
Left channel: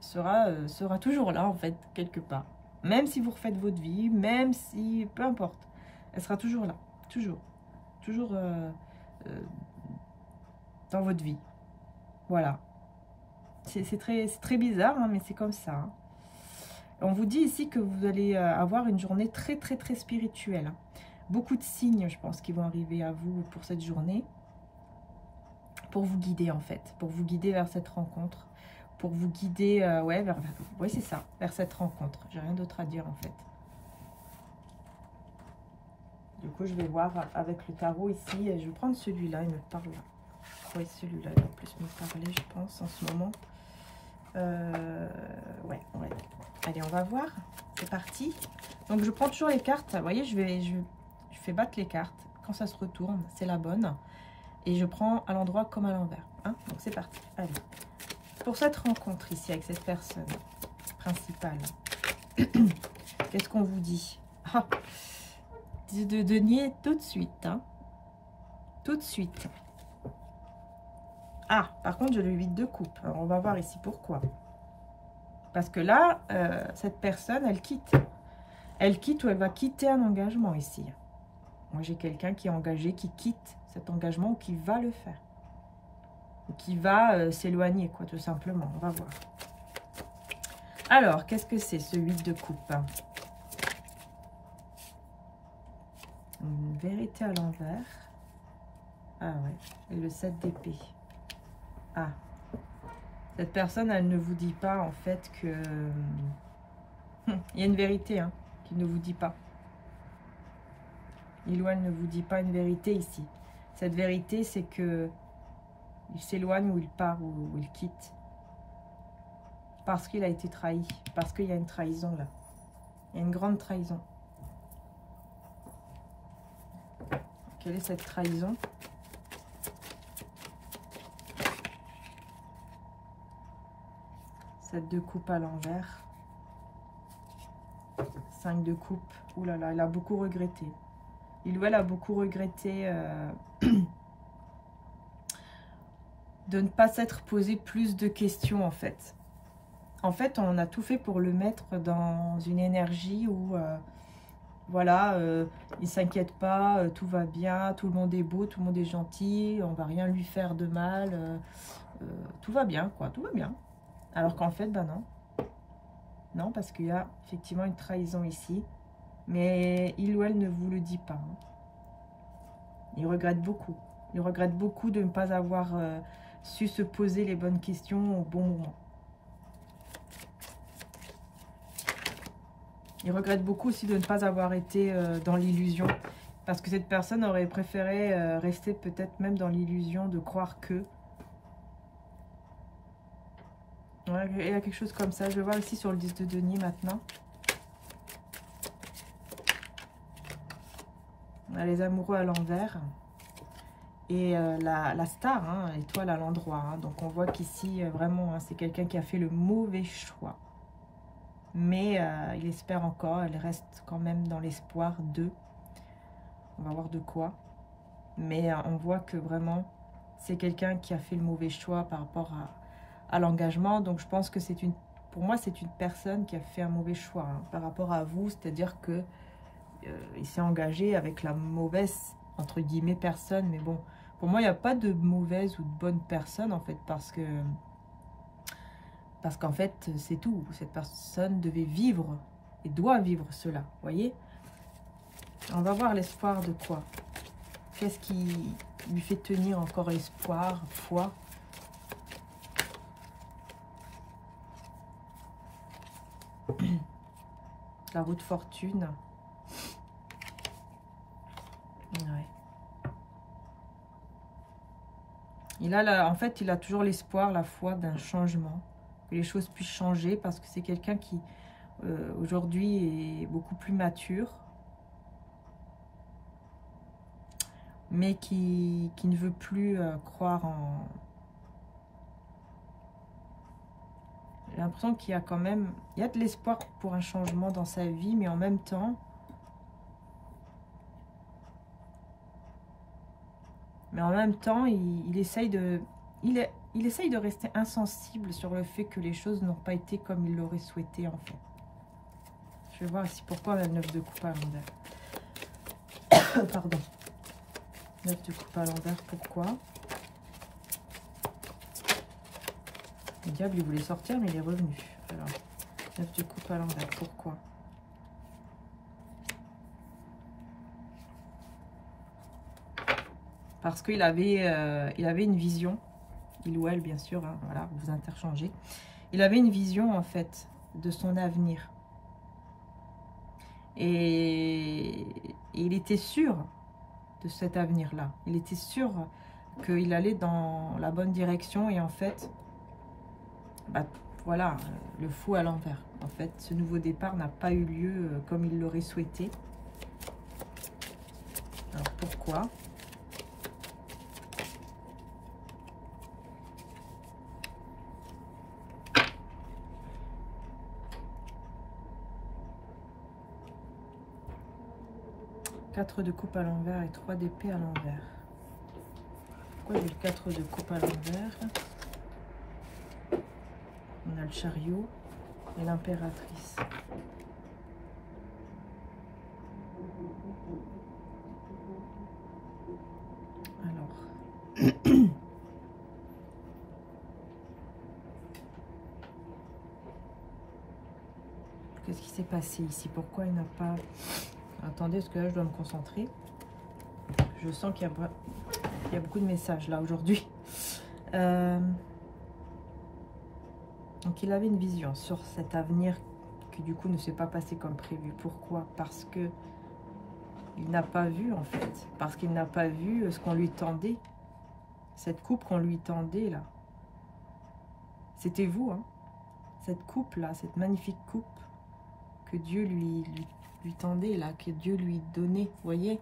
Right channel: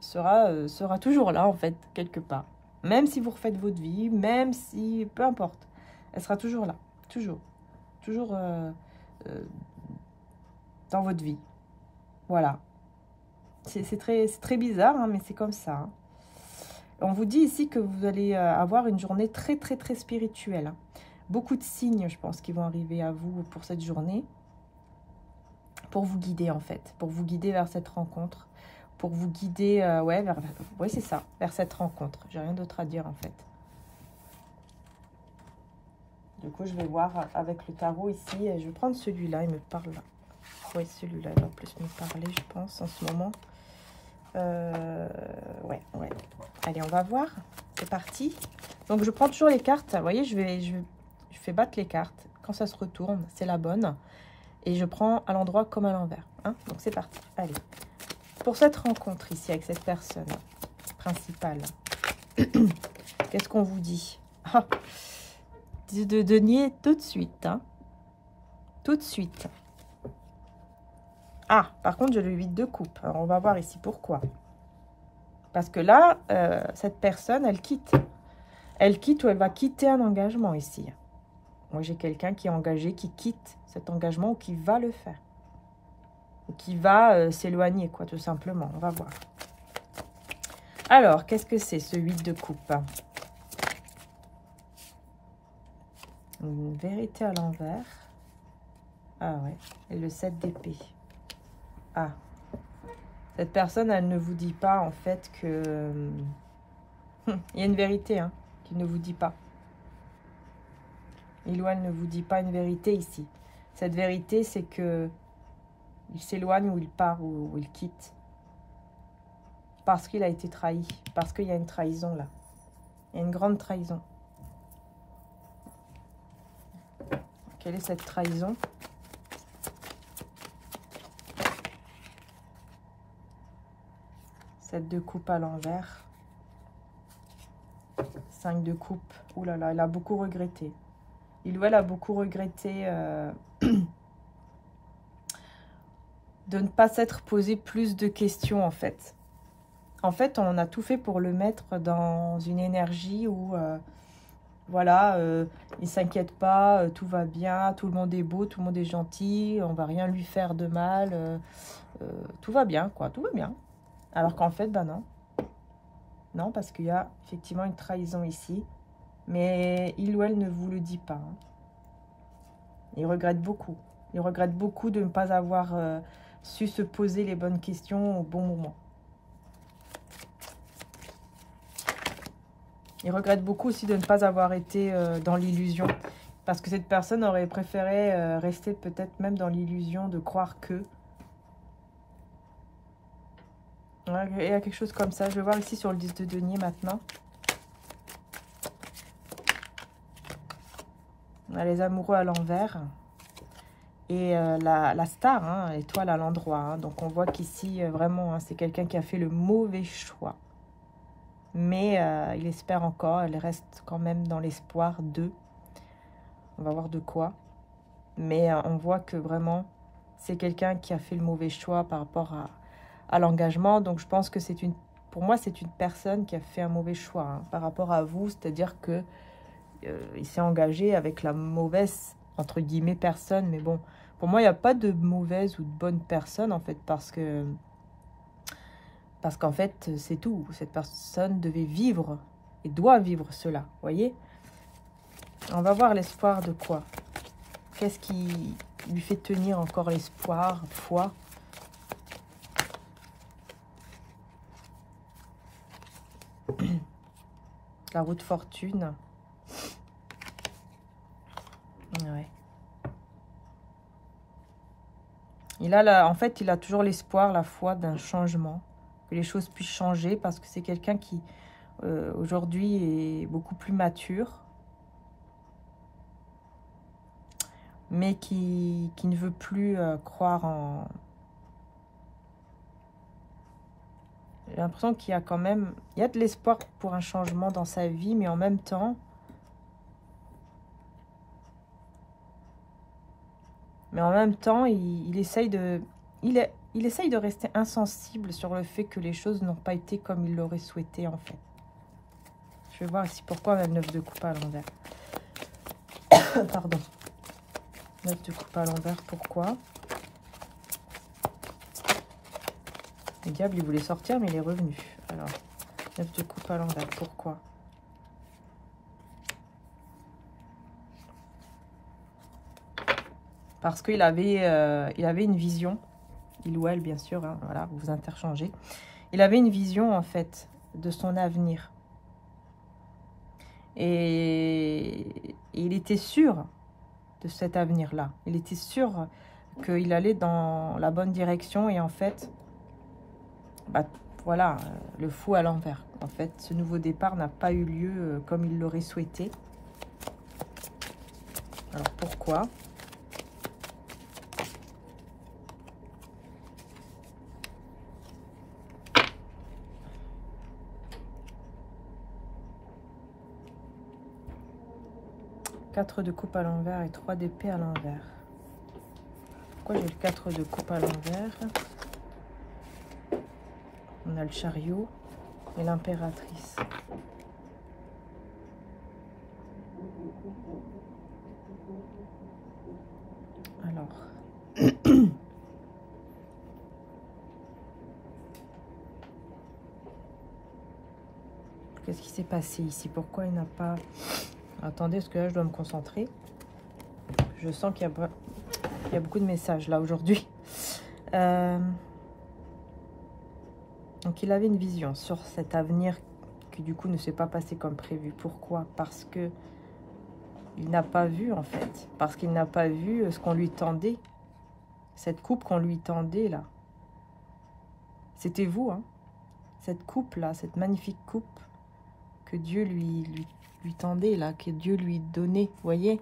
sera toujours là, en fait, quelque part. Même si vous refaites votre vie, même si... Peu importe. Elle sera toujours là. Toujours. Toujours dans votre vie. Voilà. C'est très bizarre, hein, mais c'est comme ça. Hein. On vous dit ici que vous allez avoir une journée très spirituelle. Hein. Beaucoup de signes, je pense, qui vont arriver à vous pour cette journée. Pour vous guider, en fait. Pour vous guider vers cette rencontre. Pour vous guider, ouais, oui, c'est ça, vers cette rencontre. J'ai rien d'autre à dire, en fait. Du coup, je vais voir avec le tarot ici. Je vais prendre celui-là, il me parle. Oui, celui-là va plus me parler, je pense, en ce moment. Ouais. Allez, on va voir. C'est parti. Donc, je prends toujours les cartes. Vous voyez, je fais battre les cartes. Quand ça se retourne, c'est la bonne. Et je prends à l'endroit comme à l'envers. Hein. Donc, c'est parti. Allez. Pour cette rencontre ici avec cette personne principale, qu'est-ce qu'on vous dit? De nier tout de suite. Hein. Tout de suite. Ah, par contre, j'ai le 8 de coupe. Alors, on va voir ici pourquoi. Parce que là, cette personne, elle quitte. Elle quitte ou elle va quitter un engagement ici. Moi, j'ai quelqu'un qui est engagé, qui quitte cet engagement ou qui va le faire. Ou qui va s'éloigner, quoi, tout simplement. On va voir. Alors, qu'est-ce que c'est, ce 8 de coupe? Une vérité à l'envers. Ah ouais. Et le 7 d'épée. Ah. Cette personne, elle ne vous dit pas, en fait, que... il y a une vérité, hein, qu'il ne vous dit pas. Il ou elle ne vous dit pas une vérité ici. Cette vérité, c'est que il s'éloigne ou il part ou il quitte. Parce qu'il a été trahi. Parce qu'il y a une trahison, là. Il y a une grande trahison. Quelle est cette trahison? Cette de coupe à l'envers. 5 de coupe. Ouh là là, elle a beaucoup regretté. Il ou elle a beaucoup regretté de ne pas s'être posé plus de questions, en fait. En fait, on a tout fait pour le mettre dans une énergie où, voilà, il ne s'inquiète pas, tout va bien, tout le monde est beau, tout le monde est gentil, on va rien lui faire de mal, tout va bien, quoi, tout va bien. Alors qu'en fait, ben non. Non, parce qu'il y a effectivement une trahison ici. Mais il ou elle ne vous le dit pas. Hein. Il regrette beaucoup. Il regrette beaucoup de ne pas avoir su se poser les bonnes questions au bon moment. Il regrette beaucoup aussi de ne pas avoir été dans l'illusion. Parce que cette personne aurait préféré rester peut-être même dans l'illusion de croire que... Ouais, il y a quelque chose comme ça. Je vais voir ici sur le 10 de denier maintenant. On a les amoureux à l'envers. Et la star, hein, étoile à l'endroit. Hein. Donc on voit qu'ici, vraiment, hein, c'est quelqu'un qui a fait le mauvais choix. Mais il espère encore. Elle reste quand même dans l'espoir de... On va voir de quoi. Mais on voit que vraiment, c'est quelqu'un qui a fait le mauvais choix par rapport à l'engagement. Donc je pense que c'est une... Pour moi, c'est une personne qui a fait un mauvais choix hein, par rapport à vous. C'est-à-dire que il s'est engagé avec la mauvaise, entre guillemets, personne. Mais bon, pour moi, il n'y a pas de mauvaise ou de bonne personne, en fait, parce qu'en fait, c'est tout. Cette personne devait vivre et doit vivre cela, vous voyez. On va voir l'espoir de quoi? Qu'est-ce qui lui fait tenir encore l'espoir, foi? La roue de fortune. Ouais. En fait, il a toujours l'espoir, la foi d'un changement. Que les choses puissent changer parce que c'est quelqu'un qui, aujourd'hui, est beaucoup plus mature. Mais qui ne veut plus croire en... J'ai l'impression qu'il y a quand même... Il y a de l'espoir pour un changement dans sa vie, mais en même temps... il essaye de... Il essaye de rester insensible sur le fait que les choses n'ont pas été comme il l'aurait souhaité, en fait. Je vais voir ici pourquoi on a le 9 de coupe à l'envers. Pardon. 9 de coupe à l'envers, pourquoi? Le diable, il voulait sortir, mais il est revenu. Alors, 9 de coupe à l'envers. Pourquoi? Parce qu'il avait, il avait une vision. Il ou elle, bien sûr. Hein, voilà, vous vous interchangez. Il avait une vision, en fait, de son avenir. Et il était sûr de cet avenir-là. Il était sûr qu'il allait dans la bonne direction. Et en fait, bah, voilà, le fou à l'envers. En fait, ce nouveau départ n'a pas eu lieu comme il l'aurait souhaité. Alors, pourquoi? Quatre de coupe à l'envers et 3 d'épée à l'envers. Pourquoi j'ai le 4 de coupe à l'envers? On a le chariot et l'impératrice. Alors. Qu'est-ce qui s'est passé ici? Pourquoi il n'a pas... Attendez, parce que là, je dois me concentrer. Je sens qu'il y a beaucoup de messages, là, aujourd'hui. Donc, il avait une vision sur cet avenir qui, du coup, ne s'est pas passé comme prévu. Pourquoi? Parce que il n'a pas vu, en fait. Parce qu'il n'a pas vu ce qu'on lui tendait. Cette coupe qu'on lui tendait, là. C'était vous, hein. Cette coupe-là, cette magnifique coupe que Dieu lui tendait, là, que Dieu lui donnait, vous voyez?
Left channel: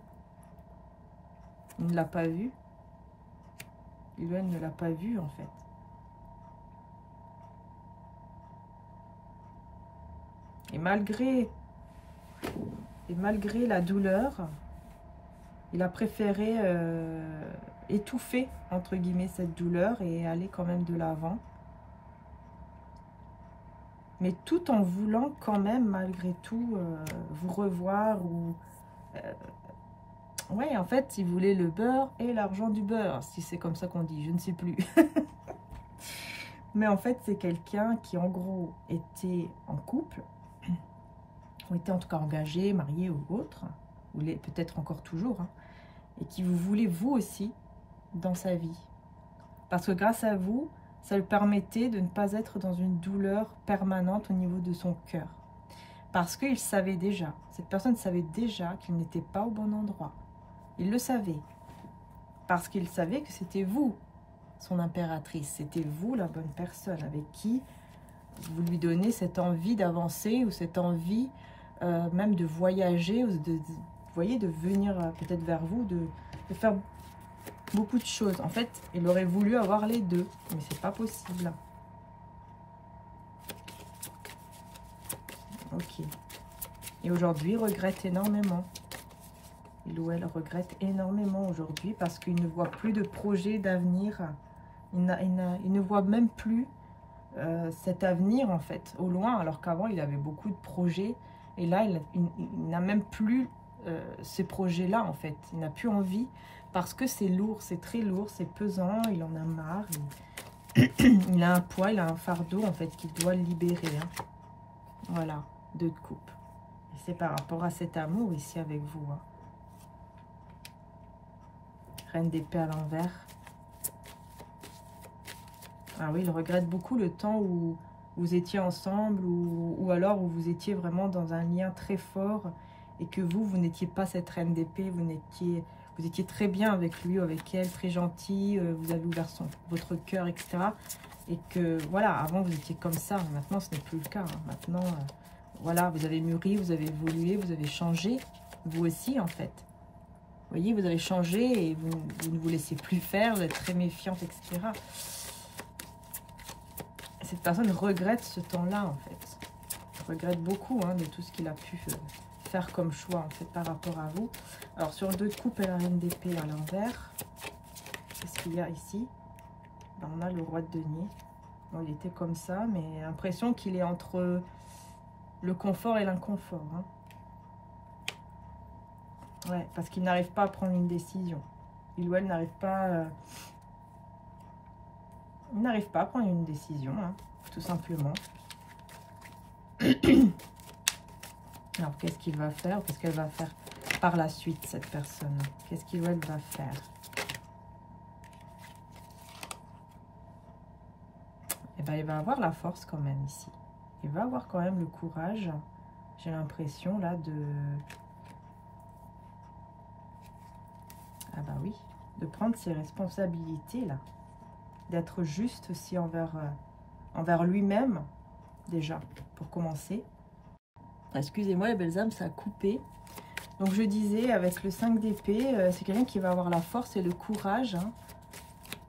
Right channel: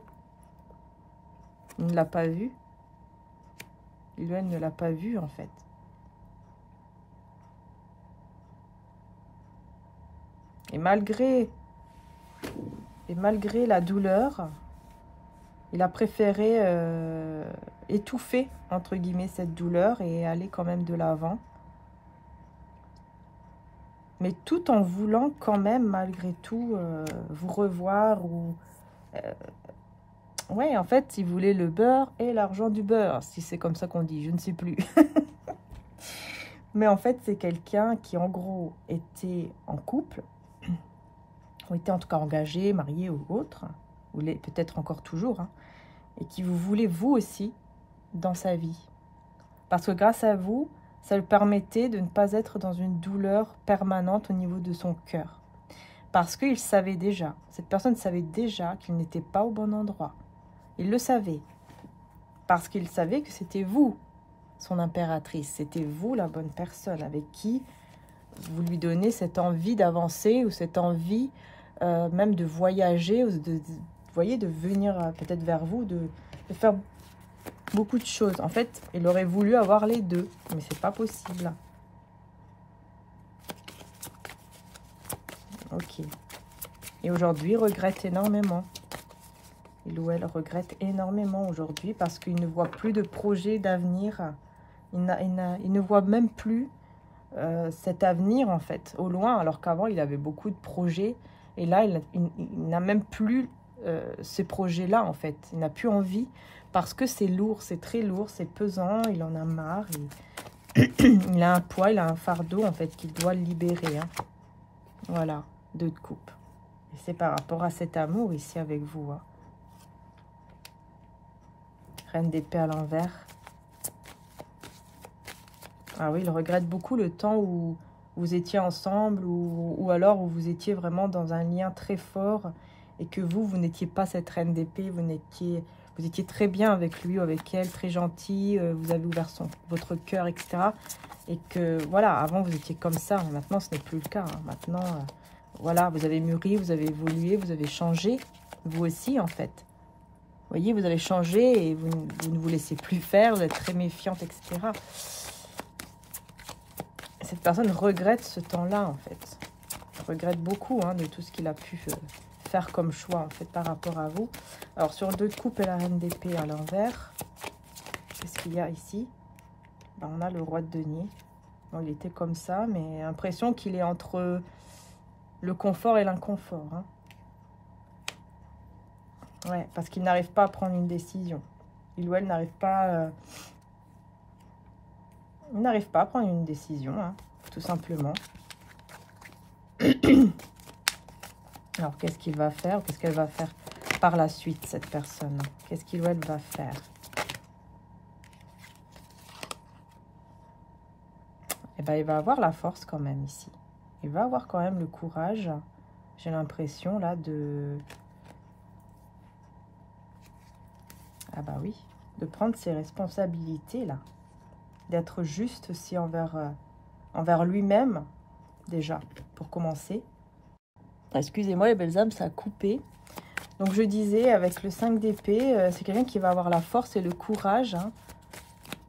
Il ne l'a pas vu. Lui-même ne l'a pas vu, en fait. Et malgré la douleur, il a préféré étouffer, entre guillemets, cette douleur et aller quand même de l'avant. Mais tout en voulant quand même, malgré tout, vous revoir. Ou ouais, en fait, il voulait le beurre et l'argent du beurre, si c'est comme ça qu'on dit, je ne sais plus. Mais en fait, c'est quelqu'un qui, en gros, était en couple, ou était en tout cas engagé, marié ou autre, ou peut-être encore toujours, hein, et qui vous voulait, vous aussi, dans sa vie. Parce que grâce à vous, ça lui permettait de ne pas être dans une douleur permanente au niveau de son cœur. Parce qu'il savait déjà, cette personne savait déjà qu'il n'était pas au bon endroit. Il le savait. Parce qu'il savait que c'était vous, son impératrice. C'était vous, la bonne personne, avec qui vous lui donnez cette envie d'avancer ou cette envie même de voyager, ou vous voyez, de venir peut-être vers vous, de faire beaucoup de choses. En fait, il aurait voulu avoir les deux, mais c'est pas possible. Ok. Et aujourd'hui, il regrette énormément. Il ou elle regrette énormément aujourd'hui parce qu'il ne voit plus de projet d'avenir. Il ne voit même plus cet avenir, en fait, au loin, alors qu'avant, il avait beaucoup de projets. Et là, il n'a même plus ces projets-là, en fait. Il n'a plus envie parce que c'est lourd, c'est très lourd, c'est pesant, il en a marre. Il a un poids, il a un fardeau, en fait, qu'il doit libérer. Hein. Voilà, 2 de coupe. Et c'est par rapport à cet amour ici avec vous. Hein. Reine d'épée à l'envers. Ah oui, il regrette beaucoup le temps où vous étiez ensemble ou alors où vous étiez vraiment dans un lien très fort et que vous n'étiez pas cette reine d'épée, vous étiez très bien avec lui ou avec elle, très gentil, vous avez ouvert votre cœur, etc. Et que, voilà, avant vous étiez comme ça, mais maintenant ce n'est plus le cas. Hein. Maintenant, voilà, vous avez mûri, vous avez évolué, vous avez changé, vous aussi en fait. Vous voyez, vous avez changé et vous ne vous laissez plus faire, vous êtes très méfiante, etc. Cette personne regrette ce temps-là, en fait. Regrette beaucoup hein, de tout ce qu'il a pu faire comme choix, en fait, par rapport à vous. Alors, sur 2 de coupe et la reine d'épée à l'envers, qu'est-ce qu'il y a ici? Ben, on a le roi de denier. Bon, il était comme ça, mais l'impression qu'il est entre le confort et l'inconfort. Hein. Ouais, parce qu'il n'arrive pas à prendre une décision. Il ou elle n'arrive pas... Il n'arrive pas à prendre une décision, hein, tout simplement. Alors, qu'est-ce qu'il va faire? Qu'est-ce qu'elle va faire par la suite, cette personne? Qu'est-ce qu'il ou elle va faire? Eh bien, il va avoir la force quand même ici. Il va avoir quand même le courage, j'ai l'impression, là, de... Ah bah oui, de prendre ses responsabilités, là. D'être juste aussi envers lui-même, déjà, pour commencer. Excusez-moi, les belles âmes, ça a coupé. Donc, je disais, avec le 5 d'épée, c'est quelqu'un qui va avoir la force et le courage, hein,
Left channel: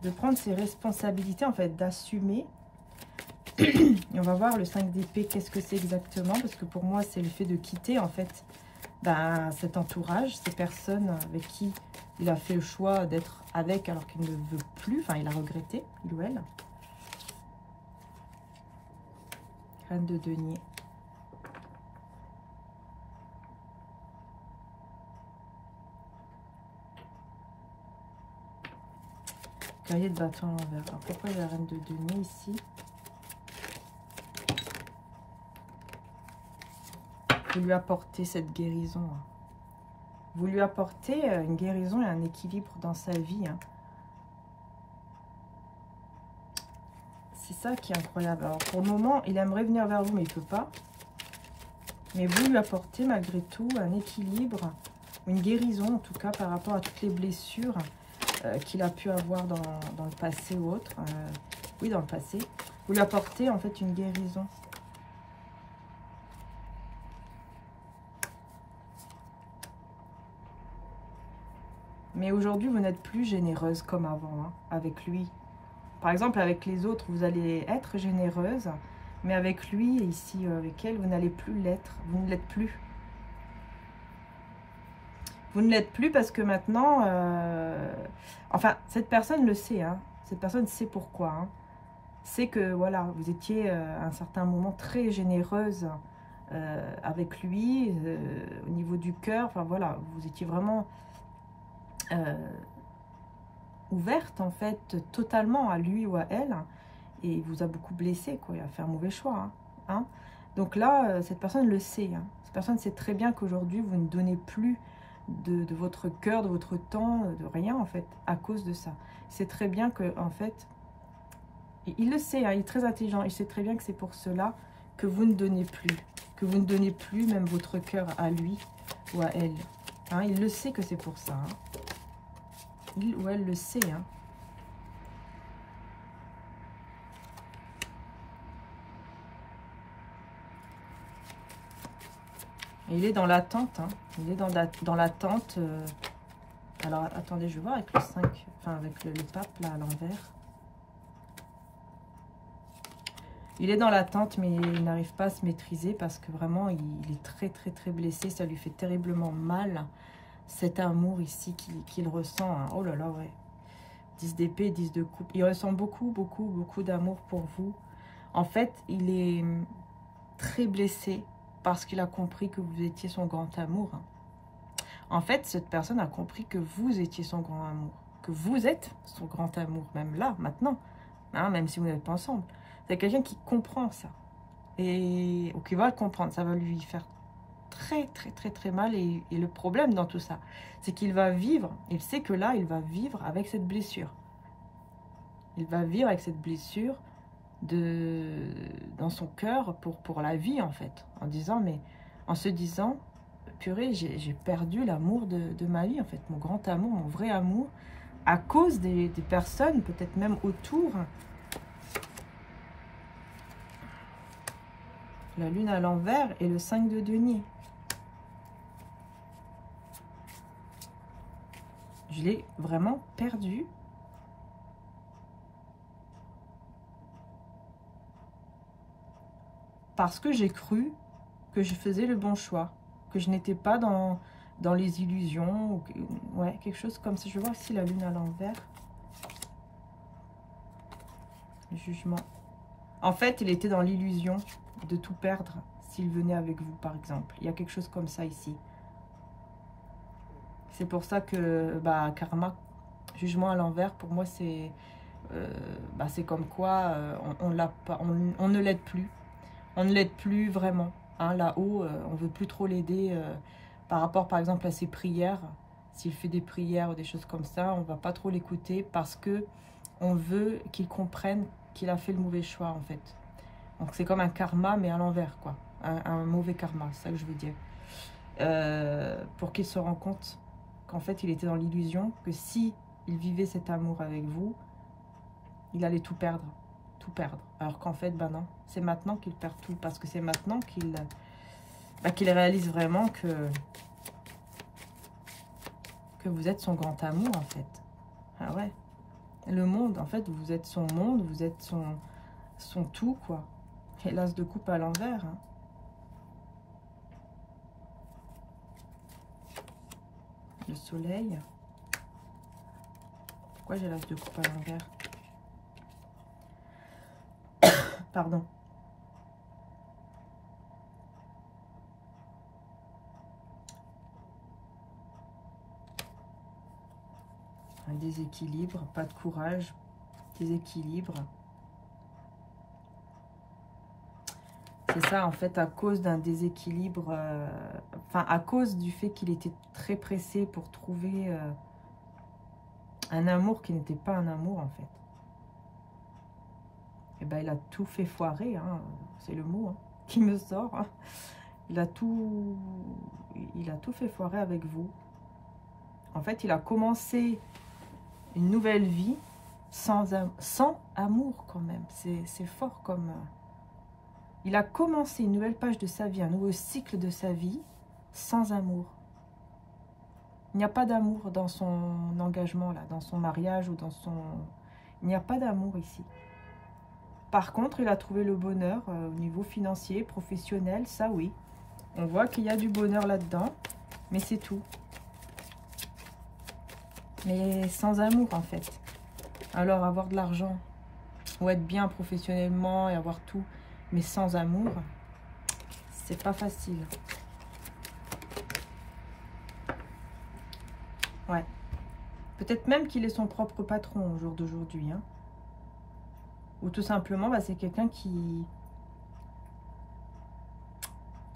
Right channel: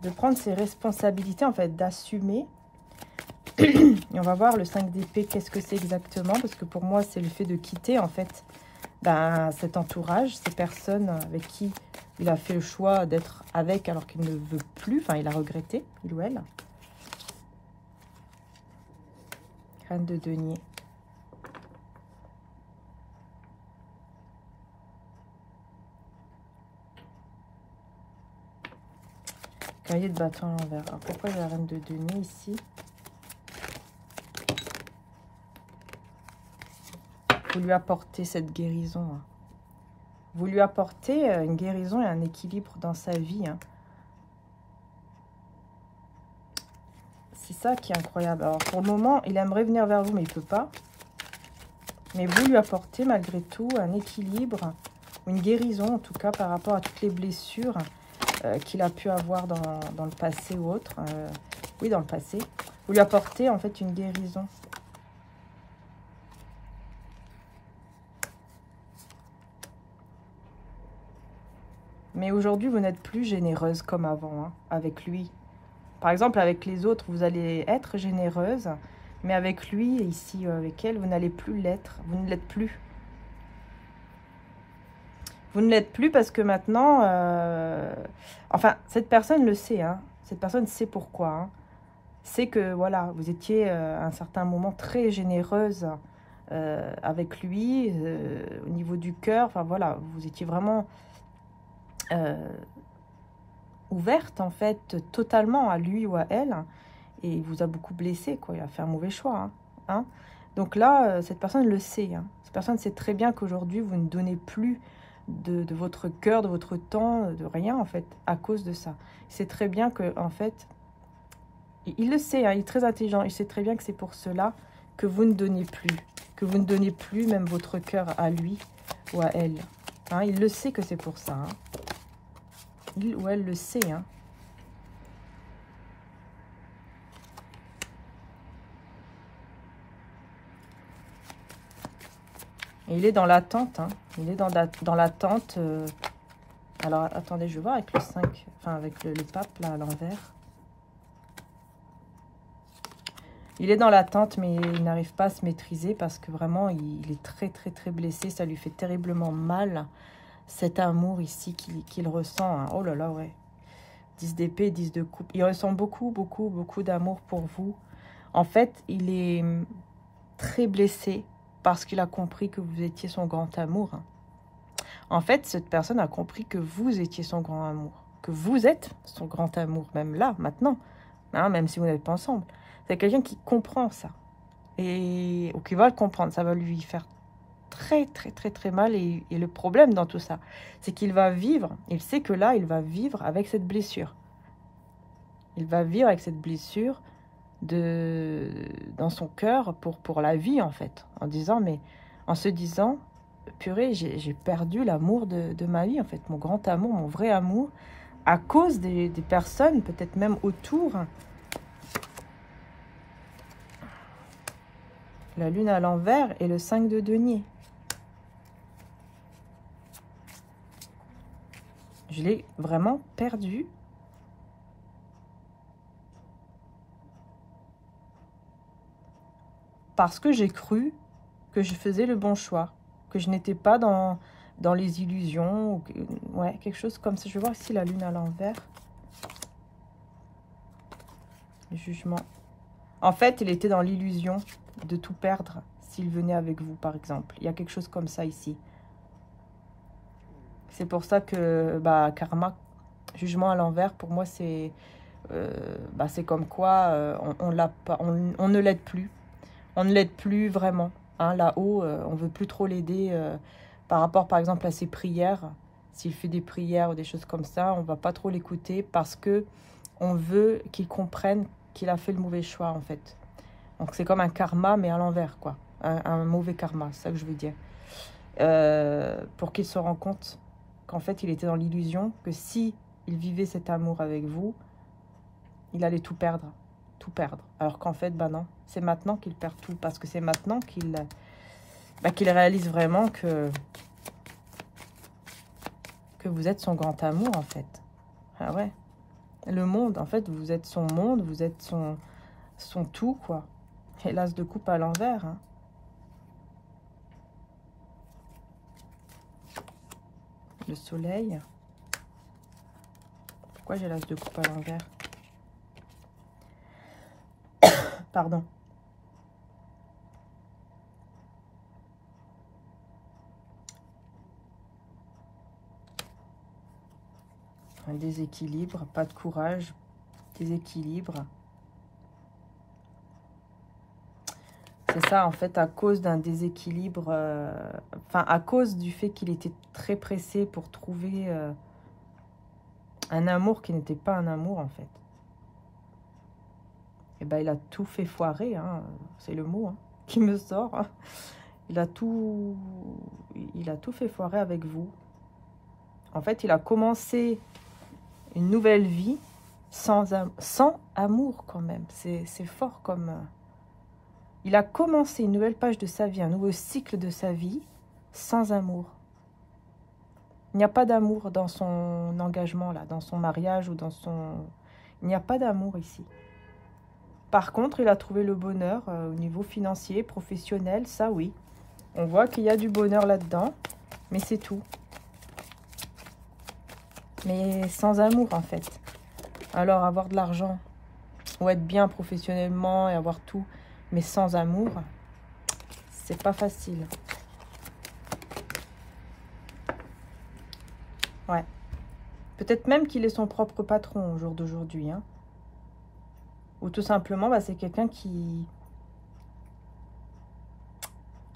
de prendre ses responsabilités, en fait, d'assumer. Et on va voir le 5 d'épée, qu'est-ce que c'est exactement, parce que pour moi, c'est le fait de quitter, en fait, ben, cet entourage, ces personnes avec qui il a fait le choix d'être avec alors qu'il ne veut plus, enfin, il a regretté, il ou elle. Reine de denier. Cavalier de bâton à l'envers. Alors, pourquoi j'ai la reine de denier ici? Vous lui apportez cette guérison. Hein. Vous lui apportez une guérison et un équilibre dans sa vie. Hein. C'est ça qui est incroyable. Alors, pour le moment, il aimerait venir vers vous, mais il ne peut pas. Mais vous lui apportez malgré tout un équilibre, une guérison, en tout cas, par rapport à toutes les blessures qu'il a pu avoir dans le passé ou autre. Oui, dans le passé. Vous lui apportez, en fait, une guérison. Mais aujourd'hui, vous n'êtes plus généreuse comme avant, hein, avec lui. Par exemple, avec les autres, vous allez être généreuse. Mais avec lui, ici, avec elle, vous n'allez plus l'être. Vous ne l'êtes plus. Vous ne l'êtes plus parce que maintenant... Enfin, cette personne le sait. Hein, cette personne sait pourquoi. Hein, c'est que, voilà, vous étiez à un certain moment très généreuse avec lui, au niveau du cœur. Enfin, voilà, vous étiez vraiment... ouverte en fait totalement à lui ou à elle, et il vous a beaucoup blessé, quoi. Il a fait un mauvais choix, hein. Donc là, cette personne le sait, hein. Cette personne sait très bien qu'aujourd'hui vous ne donnez plus de votre cœur, de votre temps, de rien en fait, à cause de ça. C'est très bien que en fait, il le sait, hein, il est très intelligent, il sait très bien que c'est pour cela que vous ne donnez plus, même votre cœur à lui ou à elle, hein. Il le sait que c'est pour ça, hein. Il ou elle le sait, hein. Et il est dans l'attente, hein. Il est dans l'attente. Alors, attendez, je vais voir avec le 5, enfin avec le pape, là, à l'envers. Il est dans l'attente, mais il n'arrive pas à se maîtriser parce que vraiment, il est très, très, très blessé. Ça lui fait terriblement mal, cet amour ici qu'il ressent, hein. Oh là là, ouais. 10 d'épée, 10 de coupe. Il ressent beaucoup, beaucoup, beaucoup d'amour pour vous. En fait, il est très blessé parce qu'il a compris que vous étiez son grand amour. En fait, cette personne a compris que vous étiez son grand amour. Que vous êtes son grand amour, même là, maintenant. Hein, même si vous n'êtes pas ensemble. C'est quelqu'un qui comprend ça. Ou qui va le comprendre. Ça va lui faire très, très, très, très mal. Et le problème dans tout ça, c'est qu'il va vivre. Il sait que là, il va vivre avec cette blessure. Il va vivre avec cette blessure dans son cœur pour la vie, en fait. En se disant, purée, j'ai perdu l'amour de ma vie, en fait. Mon grand amour, mon vrai amour, à cause des personnes, peut-être même autour. La lune à l'envers et le 5 de denier. Je l'ai vraiment perdu. Parce que j'ai cru que je faisais le bon choix. Que je n'étais pas dans les illusions. Ouais, quelque chose comme ça. Je vais voir ici la lune à l'envers. Le jugement. En fait, il était dans l'illusion de tout perdre s'il venait avec vous, par exemple. Il y a quelque chose comme ça ici. C'est pour ça que, karma, jugement à l'envers, pour moi, c'est bah, c'est comme quoi on ne l'aide plus. On ne l'aide plus vraiment. Hein, là-haut, on veut plus trop l'aider par rapport, par exemple, à ses prières. S'il fait des prières ou des choses comme ça, on va pas trop l'écouter parce que on veut qu'il comprenne qu'il a fait le mauvais choix, en fait. Donc, c'est comme un karma, mais à l'envers, quoi. Un mauvais karma, c'est ça que je veux dire. Pour qu'il se rende compte qu'en fait, il était dans l'illusion que si il vivait cet amour avec vous, il allait tout perdre. Tout perdre. Alors qu'en fait, bah non, c'est maintenant qu'il perd tout. Parce que c'est maintenant qu'il réalise vraiment que vous êtes son grand amour, en fait. Ah ouais. Le monde, en fait, vous êtes son monde, vous êtes son tout, quoi. Et l'as de coupe à l'envers, hein. Le soleil. Pourquoi j'ai l'as de coupe à l'envers? Pardon. Un déséquilibre, pas de courage, déséquilibre. C'est ça, en fait, à cause d'un déséquilibre, enfin, à cause du fait qu'il était très pressé pour trouver un amour qui n'était pas un amour, en fait. Et ben, il a tout fait foirer, hein, c'est le mot hein, qui me sort. Hein. Il a tout fait foirer avec vous. En fait, il a commencé une nouvelle vie sans amour, quand même. C'est fort comme... Il a commencé une nouvelle page de sa vie, un nouveau cycle de sa vie, sans amour. Il n'y a pas d'amour dans son engagement, là, dans son mariage ou dans son... Il n'y a pas d'amour ici. Par contre, il a trouvé le bonheur au niveau financier, professionnel, ça oui. On voit qu'il y a du bonheur là-dedans, mais c'est tout. Mais sans amour, en fait. Alors, avoir de l'argent, ou être bien professionnellement et avoir tout, mais sans amour, c'est pas facile. Ouais. Peut-être même qu'il est son propre patron au jour d'aujourd'hui. Hein. Ou tout simplement, bah, c'est quelqu'un qui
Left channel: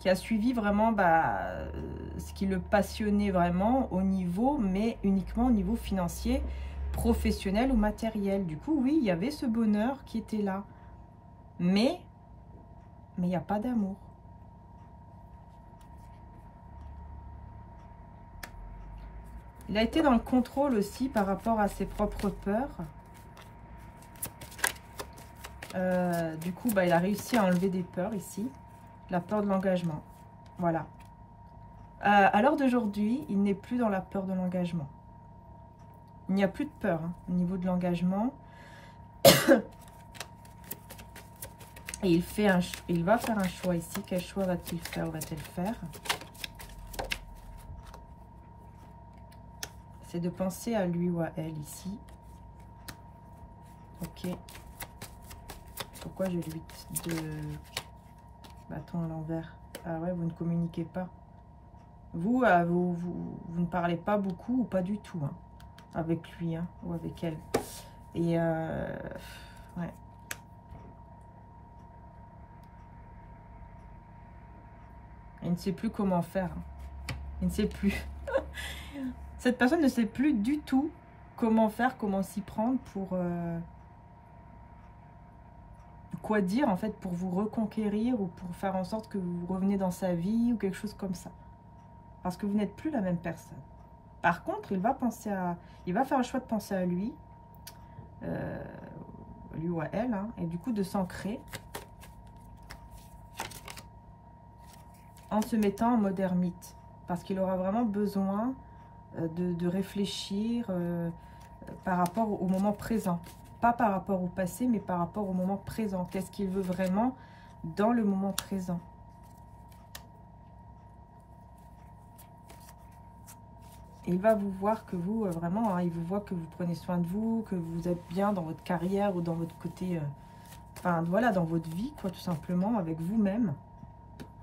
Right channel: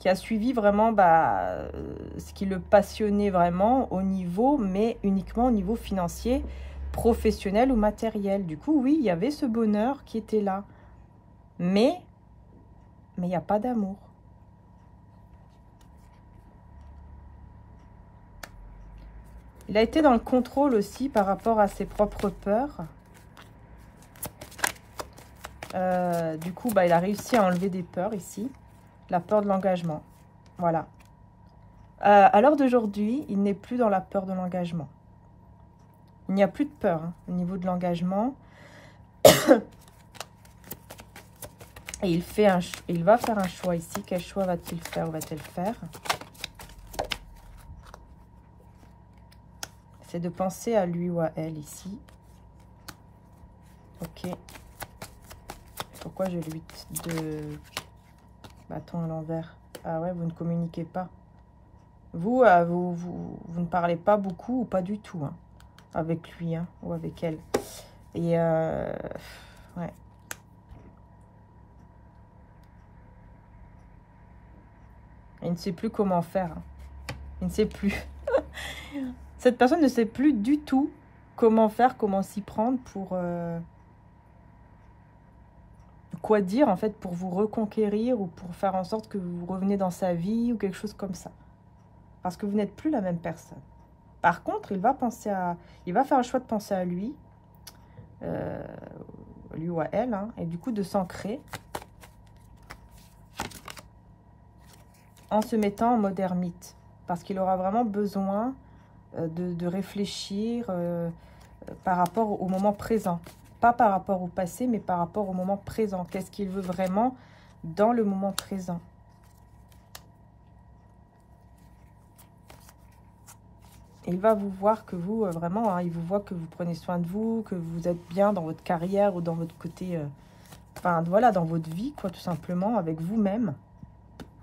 a suivi vraiment ce qui le passionnait vraiment au niveau, mais uniquement au niveau financier, professionnel ou matériel. Du coup, oui, il y avait ce bonheur qui était là. Mais il n'y a pas d'amour. Il a été dans le contrôle aussi par rapport à ses propres peurs. Du coup, bah, il a réussi à enlever des peurs ici. La peur de l'engagement. Voilà. À l'heure d'aujourd'hui, il n'est plus dans la peur de l'engagement. Il n'y a plus de peur hein, au niveau de l'engagement. Et il va faire un choix ici. Quel choix va-t-il faire ou va-t-elle faire? C'est de penser à lui ou à elle ici. Ok. Pourquoi j'ai le 8 de bâton à l'envers? Ah ouais, vous ne communiquez pas. Vous, vous ne parlez pas beaucoup ou pas du tout hein, avec lui hein, ou avec elle. Et ouais. Il ne sait plus comment faire. Hein. Il ne sait plus. Cette personne ne sait plus du tout comment faire, comment s'y prendre pour... quoi dire en fait pour vous reconquérir ou pour faire en sorte que vous revenez dans sa vie ou quelque chose comme ça. Parce que vous n'êtes plus la même personne. Par contre, il va faire le choix de penser à lui, lui ou à elle, hein, et du coup de s'ancrer en se mettant en mode ermite. Parce qu'il aura vraiment besoin de réfléchir par rapport au moment présent. Pas par rapport au passé, mais par rapport au moment présent. Qu'est-ce qu'il veut vraiment dans le moment présent? Et il va vous voir que vous, vraiment, hein, il vous voit que vous prenez soin de vous, que vous êtes bien dans votre carrière ou dans votre côté, enfin voilà, dans votre vie, quoi, tout simplement, avec vous-même.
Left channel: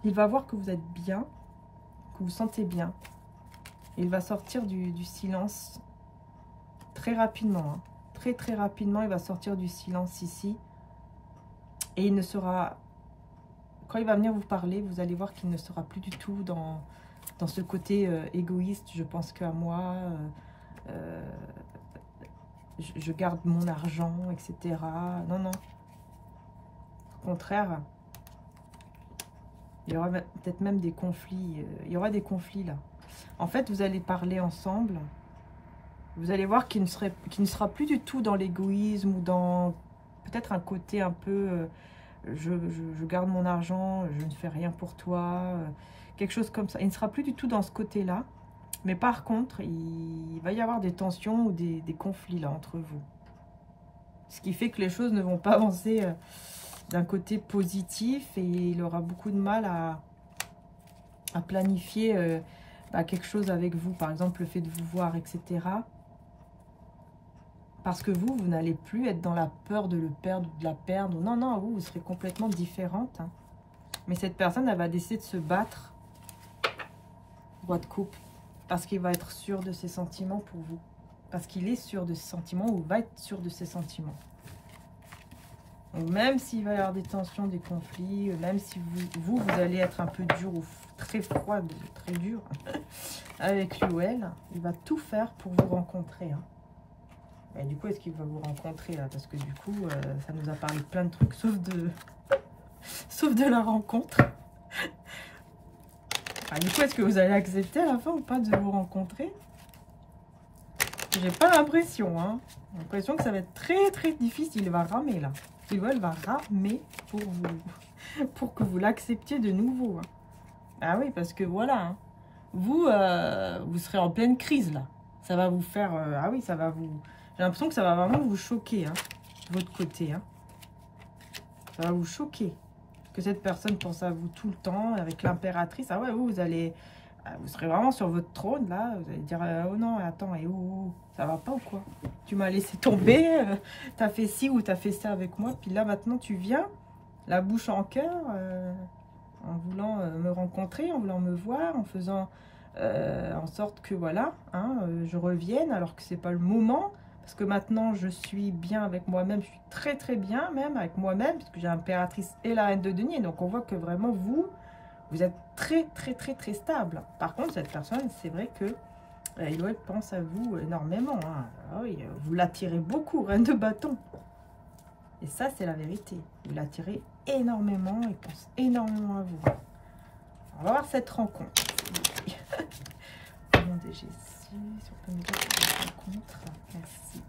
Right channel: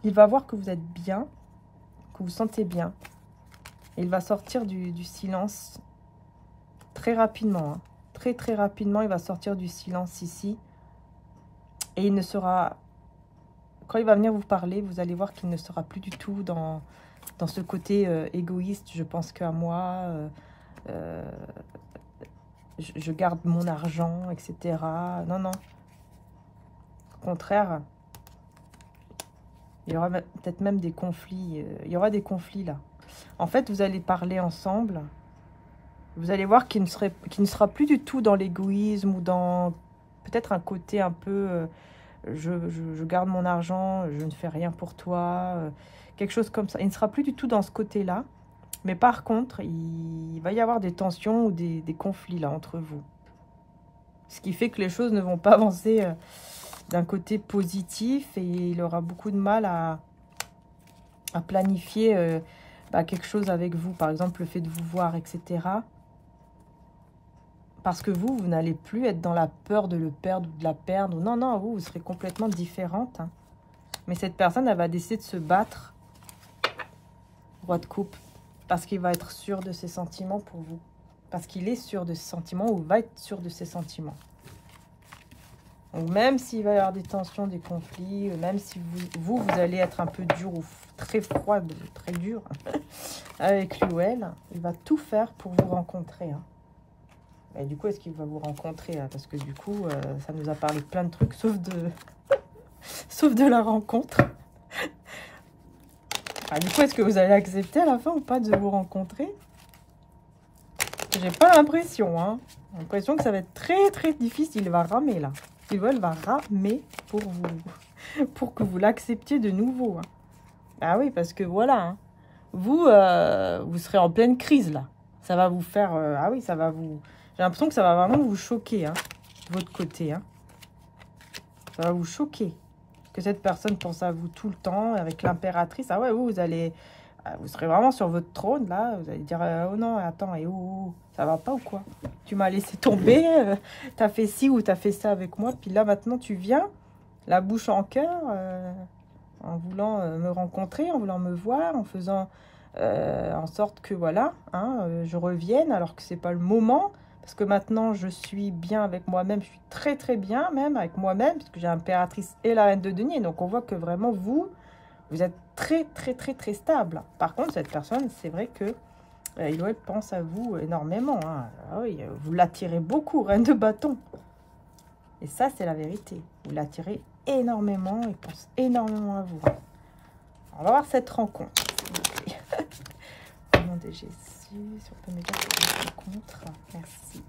Il va voir que vous êtes bien, que vous vous sentez bien. Et il va sortir du silence très rapidement, hein. très très rapidement, il va sortir du silence ici. Et il ne sera... Quand il va venir vous parler, vous allez voir qu'il ne sera plus du tout dans ce côté égoïste. Je pense qu'à moi, je garde mon argent, etc. Non, non. Au contraire, il y aura peut-être même des conflits. Il y aura des conflits là. En fait, vous allez parler ensemble. Vous allez voir qu'il ne sera plus du tout dans l'égoïsme ou dans peut-être un côté un peu... je garde mon argent, je ne fais rien pour toi. Quelque chose comme ça. Il ne sera plus du tout dans ce côté-là. Mais par contre, il va y avoir des tensions ou des conflits là entre vous. Ce qui fait que les choses ne vont pas avancer d'un côté positif. Et il aura beaucoup de mal à planifier quelque chose avec vous. Par exemple, le fait de vous voir, etc. Parce que vous n'allez plus être dans la peur de le perdre ou de la perdre. Non, non, vous serez complètement différente. Hein. Mais cette personne, elle va décider de se battre. Roi de coupe. Parce qu'il va être sûr de ses sentiments pour vous. Parce qu'il est sûr de ses sentiments ou va être sûr de ses sentiments. Donc même s'il va y avoir des tensions, des conflits, même si vous allez être un peu dur ou très froid, très dur avec lui ou elle, il va tout faire pour vous rencontrer. Hein. Et du coup, est-ce qu'il va vous rencontrer là? Parce que du coup, ça nous a parlé de plein de trucs, sauf de la rencontre. Du coup, est-ce que vous allez accepter à la fin ou pas de vous rencontrer? J'ai pas l'impression, hein. J'ai l'impression que ça va être très très difficile. Il va ramer là. Il va ramer pour vous, pour que vous l'acceptiez de nouveau. Hein. Ah oui, parce que voilà, hein. Vous serez en pleine crise là. Ça va vous faire, ah oui, ça va vous... J'ai l'impression que ça va vraiment vous choquer, hein, de votre côté. Hein. Ça va vous choquer. Que cette personne pense à vous tout le temps, avec l'impératrice. Ah ouais, vous serez vraiment sur votre trône, là. Vous allez dire, oh non, attends, et oh, ça va pas ou quoi? Tu m'as laissé tomber, t'as fait ci ou t'as fait ça avec moi. Puis là, maintenant, tu viens, la bouche en cœur, en voulant me rencontrer, en voulant me voir, en faisant en sorte que, voilà, hein, je revienne, alors que c'est pas le moment. Parce que maintenant, je suis bien avec moi-même. Je suis très, très bien même avec moi-même. Parce que j'ai l'impératrice et la reine de denier. Donc, on voit que vraiment, vous êtes très, très, très, très stable. Par contre, cette personne, c'est vrai que il pense à vous énormément. Hein. Ah oui, vous l'attirez beaucoup, reine de bâton. Et ça, c'est la vérité. Vous l'attirez énormément. Il pense énormément à vous. On va voir cette rencontre. Au nom de Jésus. Si on peut me dire cette rencontre. Merci.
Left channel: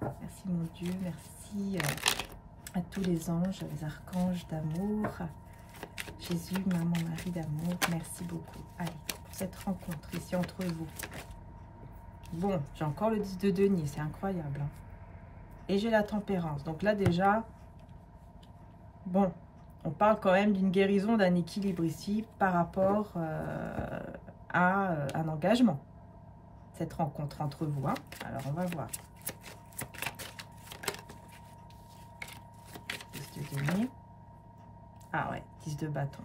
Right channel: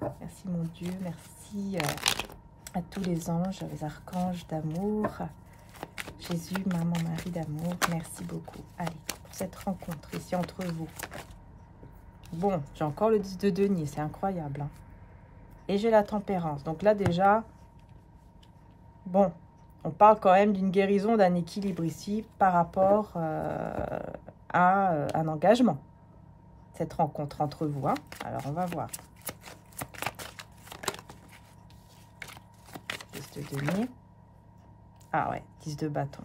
Merci mon Dieu. Merci à tous les anges, les archanges d'amour. Jésus, maman, Marie d'amour. Merci beaucoup. Allez, pour cette rencontre ici entre vous. Bon, j'ai encore le 10 de denier. C'est incroyable. Hein. Et j'ai la tempérance. Donc là déjà, bon, on parle quand même d'une guérison, d'un équilibre ici par rapport à un engagement. Cette rencontre entre vous. Hein. Alors, on va voir. 10 de denier. Ah ouais, 10 de bâton.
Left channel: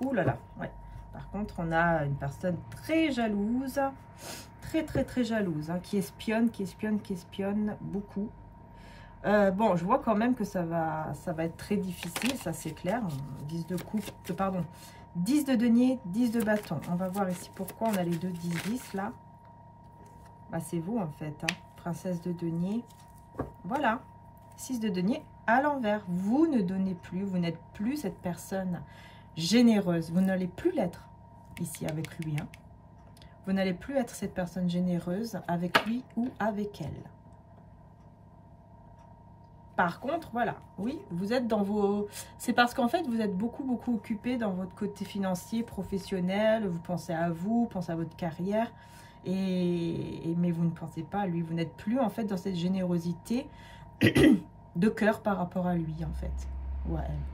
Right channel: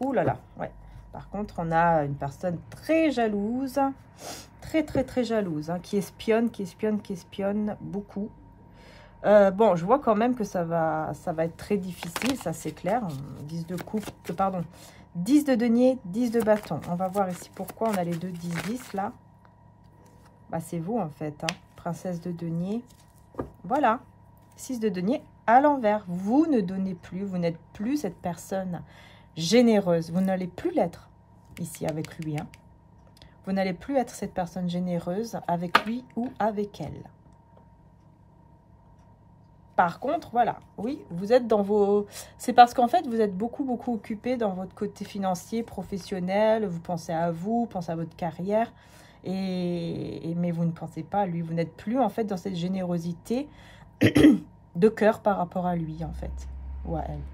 Ouh là là, ouais. Par contre, on a une personne très jalouse. Très, très, très jalouse. Hein, qui espionne beaucoup. Bon, je vois quand même que ça va être très difficile. Ça, c'est clair. 10 de coupe, pardon. 10 de denier, 10 de bâton. On va voir ici pourquoi on a les deux 10-10 là. Bah, c'est vous en fait. Hein. Princesse de denier. Voilà. 6 de denier à l'envers. Vous ne donnez plus. Vous n'êtes plus cette personne généreuse. Vous n'allez plus l'être ici avec lui. Hein. Vous n'allez plus être cette personne généreuse avec lui ou avec elle. Par contre, voilà, oui, vous êtes dans vos... C'est parce qu'en fait, vous êtes beaucoup occupé dans votre côté financier, professionnel. Vous pensez à vous, pensez à votre carrière. Mais vous ne pensez pas à lui. Vous n'êtes plus, en fait, dans cette générosité de cœur par rapport à lui, en fait. Ou à elle.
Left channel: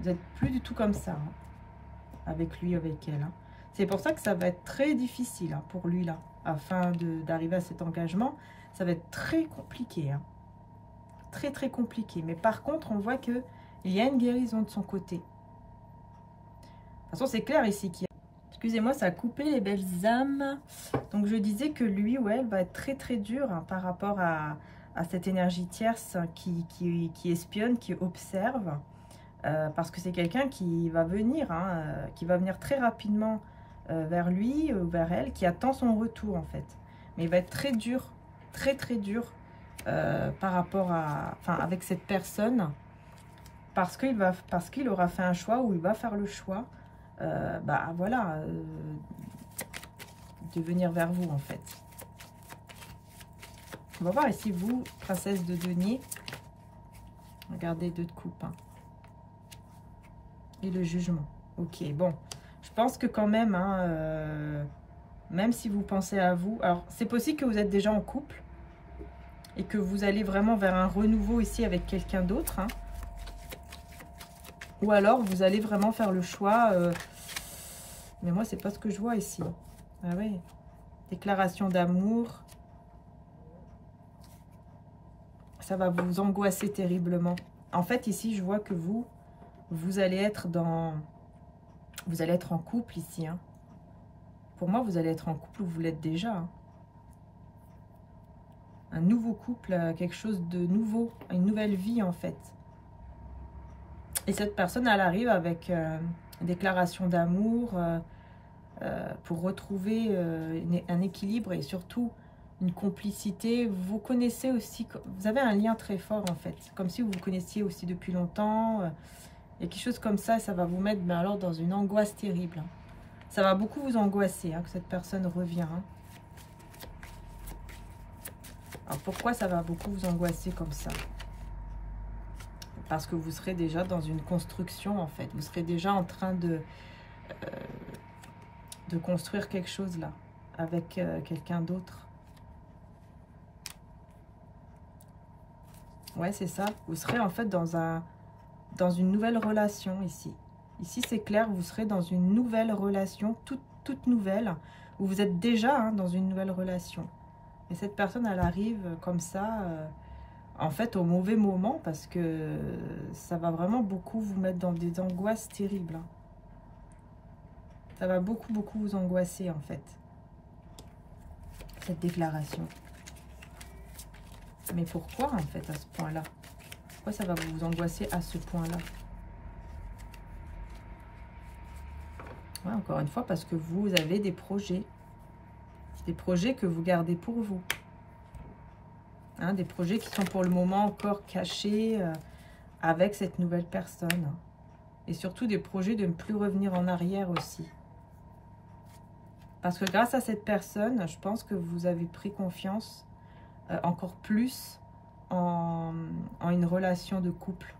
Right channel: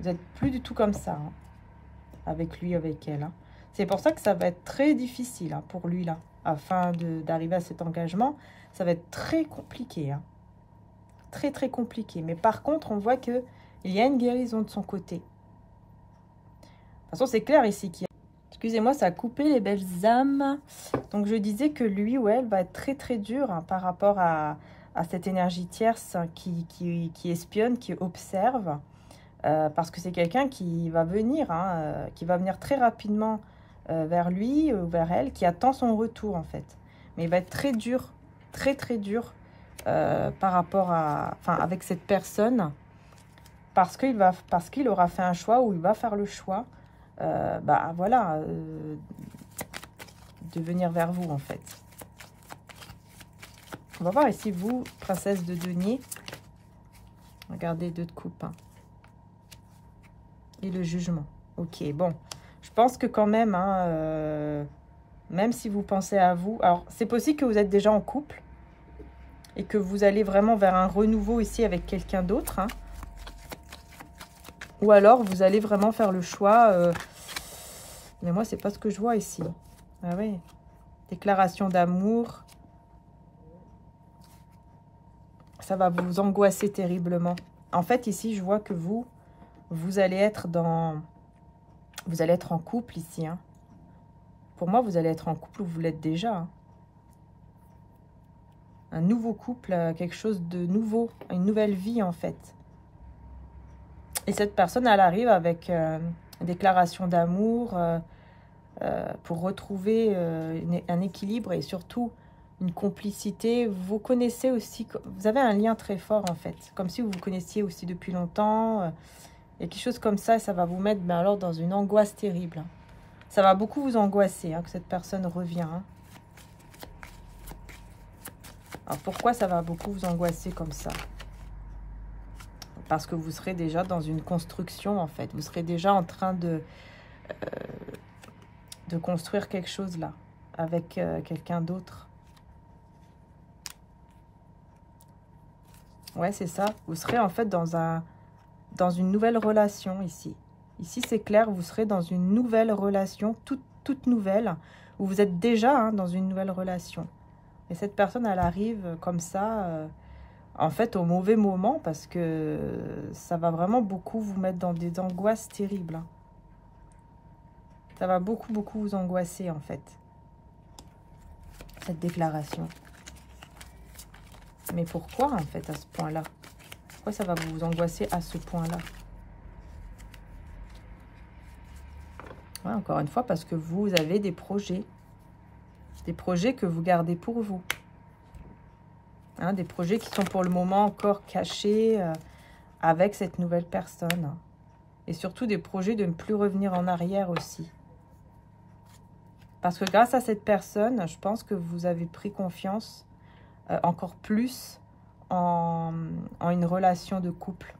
Vous n'êtes plus du tout comme ça, hein, avec lui, avec elle. Hein. C'est pour ça que ça va être très difficile hein, pour lui, là. Afin d'arriver à cet engagement, ça va être très compliqué, hein. Très, très compliqué. Mais par contre, on voit qu'il y a une guérison de son côté. De toute façon, c'est clair ici qu'il y a... Excusez-moi, ça a coupé les belles âmes. Donc, je disais que lui ou elle va être très, très dur hein, par rapport à cette énergie tierce qui espionne, qui observe. Parce que c'est quelqu'un qui va venir, hein, qui va venir très rapidement vers lui ou vers elle, qui attend son retour, en fait. Mais il va être très dur, très, très dur par rapport à... Enfin, avec cette personne. Parce qu'il aura fait un choix ou il va faire le choix, bah voilà, de venir vers vous en fait. On va voir ici vous, princesse de denier. Regardez 2 de coupe. Hein. Et le jugement. Ok, bon. Je pense que quand même, hein, même si vous pensez à vous... Alors, c'est possible que vous êtes déjà en couple. Et que vous allez vraiment vers un renouveau ici avec quelqu'un d'autre. Hein. Ou alors, vous allez vraiment faire le choix. Mais moi, c'est pas ce que je vois ici. Ah oui. Déclaration d'amour. Ça va vous angoisser terriblement. En fait, ici, je vois que vous allez être dans... Vous allez être en couple ici. Hein. Pour moi, vous allez être en couple ou vous l'êtes déjà. Hein. Un nouveau couple, quelque chose de nouveau. Une nouvelle vie, en fait. Et cette personne, elle arrive avec une déclaration d'amour pour retrouver un équilibre et surtout une complicité. Vous connaissez aussi, vous avez un lien très fort en fait. Comme si vous vous connaissiez aussi depuis longtemps. Et quelque chose comme ça, ça va vous mettre mais alors dans une angoisse terrible. Ça va beaucoup vous angoisser hein, que cette personne revient. Hein. Alors pourquoi ça va beaucoup vous angoisser comme ça ? Parce que vous serez déjà dans une construction, en fait. Vous serez déjà en train de construire quelque chose, là, avec quelqu'un d'autre. Ouais, c'est ça. Vous serez, en fait, dans une nouvelle relation, ici. Ici, c'est clair, vous serez dans une nouvelle relation, toute nouvelle, où vous êtes déjà hein, dans une nouvelle relation. Et cette personne, elle arrive comme ça... en fait, au mauvais moment, parce que ça va vraiment beaucoup vous mettre dans des angoisses terribles. Hein. Ça va beaucoup, beaucoup vous angoisser, en fait. Cette déclaration. Mais pourquoi, en fait, à ce point-là? Pourquoi ça va vous angoisser à ce point-là? Ouais, encore une fois, parce que vous avez des projets. Des projets que vous gardez pour vous. Hein, des projets qui sont pour le moment encore cachés avec cette nouvelle personne. Et surtout des projets de ne plus revenir en arrière aussi. Parce que grâce à cette personne, je pense que vous avez pris confiance encore plus en une relation de couple.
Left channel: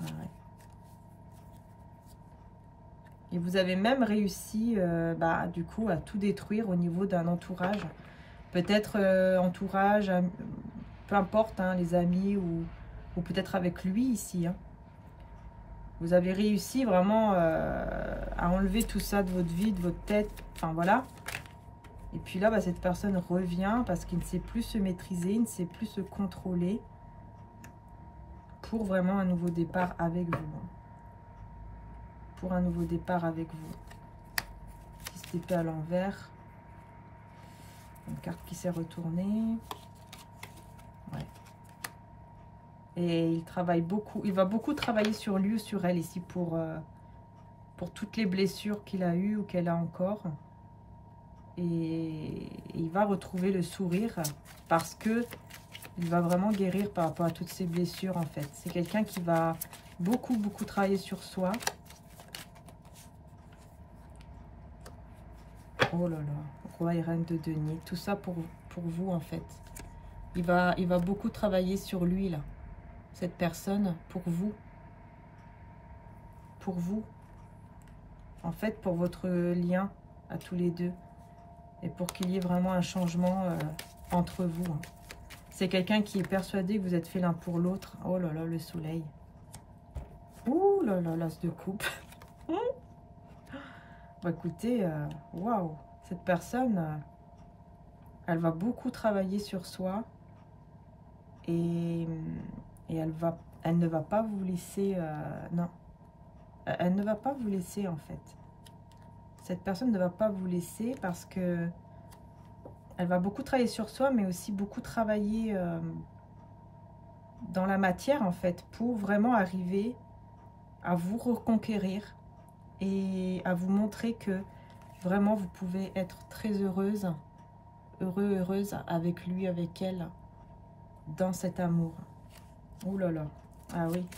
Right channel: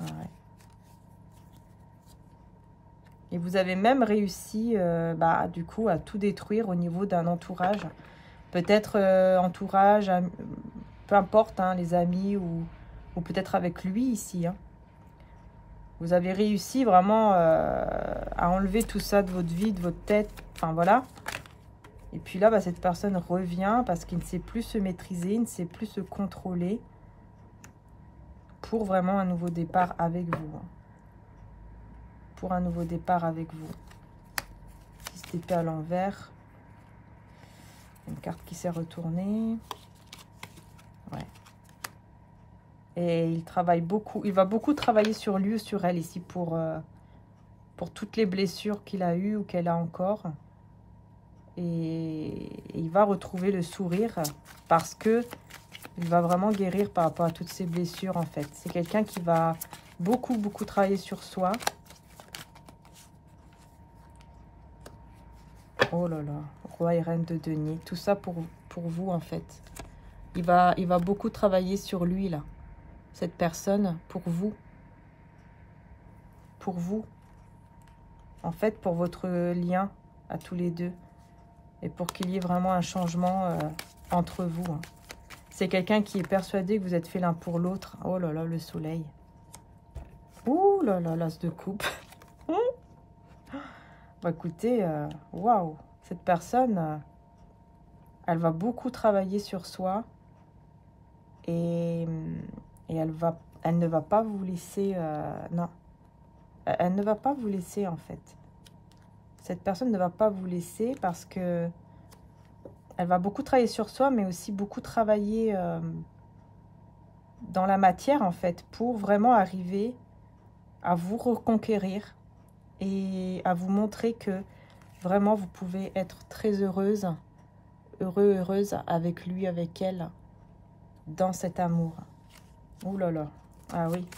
Ouais. Et vous avez même réussi, du coup, à tout détruire au niveau d'un entourage. Peut-être entourage, peu importe, hein, les amis ou peut-être avec lui ici. Hein. Vous avez réussi vraiment à enlever tout ça de votre vie, de votre tête. Enfin, voilà. Et puis là, cette personne revient parce qu'il ne sait plus se maîtriser, il ne sait plus se contrôler pour vraiment un nouveau départ avec vous. Pour un nouveau départ avec vous. 6 d'épée à l'envers. Une carte qui s'est retournée. Ouais. Et il travaille beaucoup. Il va beaucoup travailler sur lui ou sur elle ici pour toutes les blessures qu'il a eues ou qu'elle a encore. Et il va retrouver le sourire parce que il va vraiment guérir par rapport à toutes ces blessures en fait. C'est quelqu'un qui va beaucoup, beaucoup travailler sur soi. Oh là là, roi et reine de denier. Tout ça pour vous en fait. Il va beaucoup travailler sur lui là. Cette personne pour vous. Pour vous. En fait, pour votre lien à tous les deux. Et pour qu'il y ait vraiment un changement entre vous. Hein. C'est quelqu'un qui est persuadé que vous êtes fait l'un pour l'autre. Oh là là, le soleil. Ouh là là, l'as de coupe. Bon, écoutez, waouh. Cette personne, elle va beaucoup travailler sur soi. Et elle ne va pas vous laisser... non. Elle ne va pas vous laisser, en fait. Cette personne ne va pas vous laisser parce que elle va beaucoup travailler sur soi, mais aussi beaucoup travailler dans la matière, en fait, pour vraiment arriver à vous reconquérir et à vous montrer que vraiment vous pouvez être très heureuse, heureuse avec lui, avec elle, dans cet amour. Ouh là là, ah oui.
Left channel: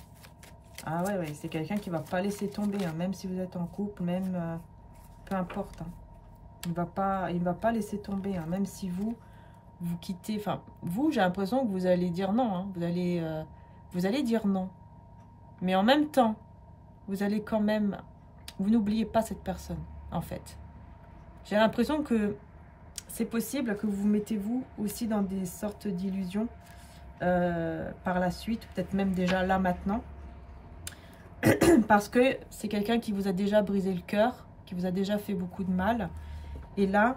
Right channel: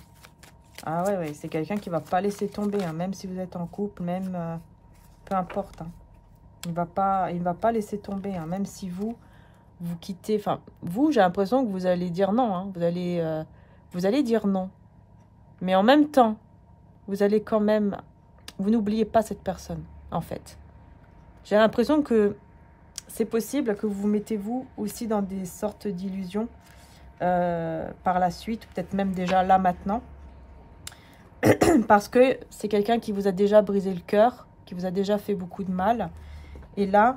Ah ouais, ouais, c'est quelqu'un qui va pas laisser tomber, hein, même si vous êtes en couple, même peu importe. Hein. Il va pas laisser tomber, hein, même si vous quittez. Enfin, vous, j'ai l'impression que vous allez dire non. Hein, vous allez dire non. Mais en même temps, vous allez quand même. Vous n'oubliez pas cette personne, en fait. J'ai l'impression que c'est possible que vous vous mettez vous aussi dans des sortes d'illusions par la suite, peut-être même déjà là maintenant. Parce que c'est quelqu'un qui vous a déjà brisé le cœur, qui vous a déjà fait beaucoup de mal. Et là,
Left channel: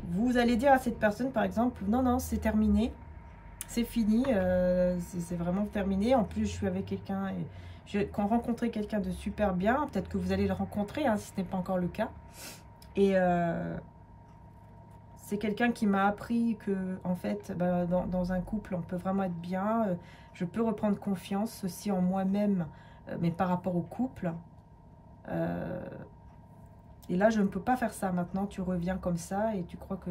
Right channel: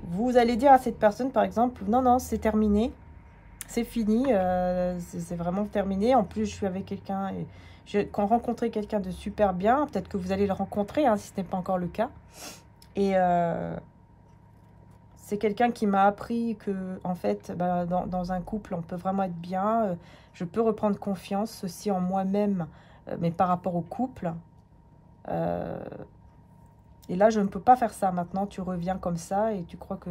vous allez dire à cette personne, par exemple, non, non, c'est terminé, c'est fini, c'est vraiment terminé. En plus, je suis avec quelqu'un et j'ai rencontré quelqu'un de super bien. Peut-être que vous allez le rencontrer, hein, si ce n'est pas encore le cas. Et c'est quelqu'un qui m'a appris que, en fait, bah, dans un couple, on peut vraiment être bien. Je peux reprendre confiance aussi en moi-même, mais par rapport au couple. Et là, je ne peux pas faire ça. Maintenant, tu reviens comme ça et tu crois que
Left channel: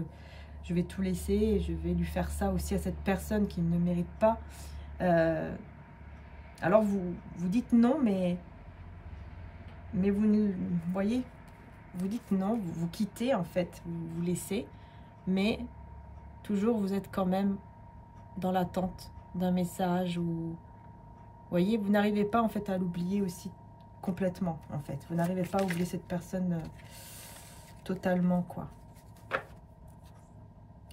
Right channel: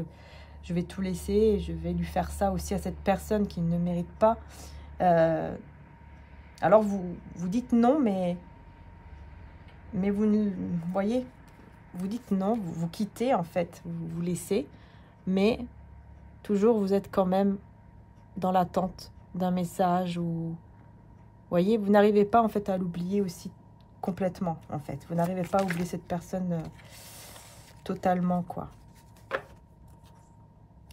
je vais tout laisser et je vais lui faire ça aussi à cette personne qui ne mérite pas. Alors, vous dites non, mais vous voyez, vous dites non, vous quittez en fait, vous laissez. Mais toujours, vous êtes quand même dans l'attente d'un message ou... Vous voyez, vous n'arrivez pas en fait à l'oublier aussi complètement, en fait. Vous n'arrivez pas à oublier cette personne totalement, quoi.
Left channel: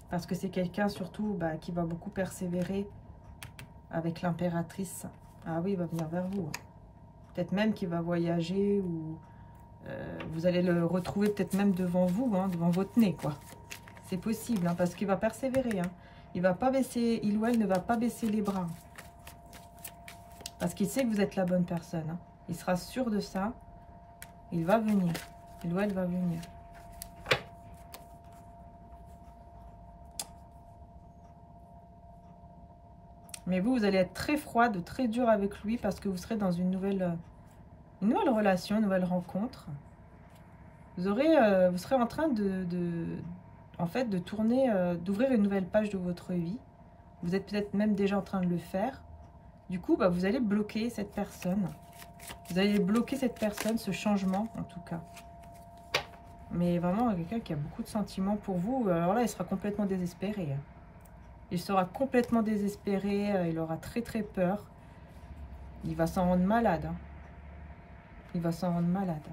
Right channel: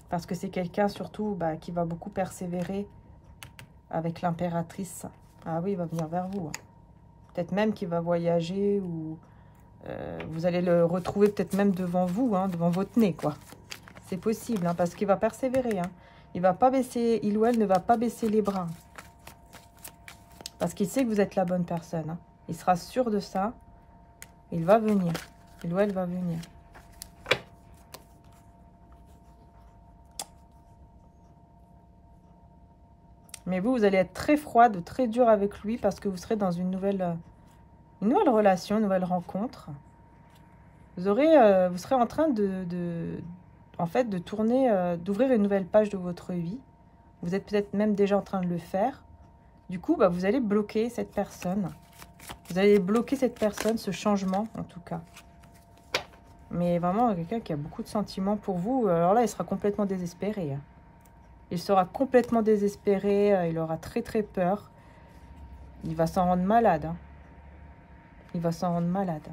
Parce que c'est quelqu'un surtout qui va beaucoup persévérer avec l'impératrice. Ah oui, il va venir vers vous. Hein. Peut-être même qu'il va voyager ou vous allez le retrouver peut-être même devant vous, hein, devant votre nez, quoi. C'est possible, hein, parce qu'il va persévérer. Hein. Il va pas baisser, il ou elle ne va pas baisser les bras. Parce qu'il sait que vous êtes la bonne personne. Hein. Il sera sûr de ça. Il va venir. Il ou elle va venir. Mais vous allez être très froide, très dur avec lui parce que vous serez dans une nouvelle relation, une nouvelle rencontre. Vous serez en train en fait, de tourner, d'ouvrir une nouvelle page de votre vie. Vous êtes peut-être même déjà en train de le faire. Du coup, vous allez bloquer cette personne. Vous allez bloquer cette personne, ce changement en tout cas. Mais vraiment, quelqu'un qui a beaucoup de sentiments pour vous, alors là, il sera complètement désespéré. Il sera complètement désespéré, il aura très très peur. Il va s'en rendre malade. Hein. Il va s'en rendre malade.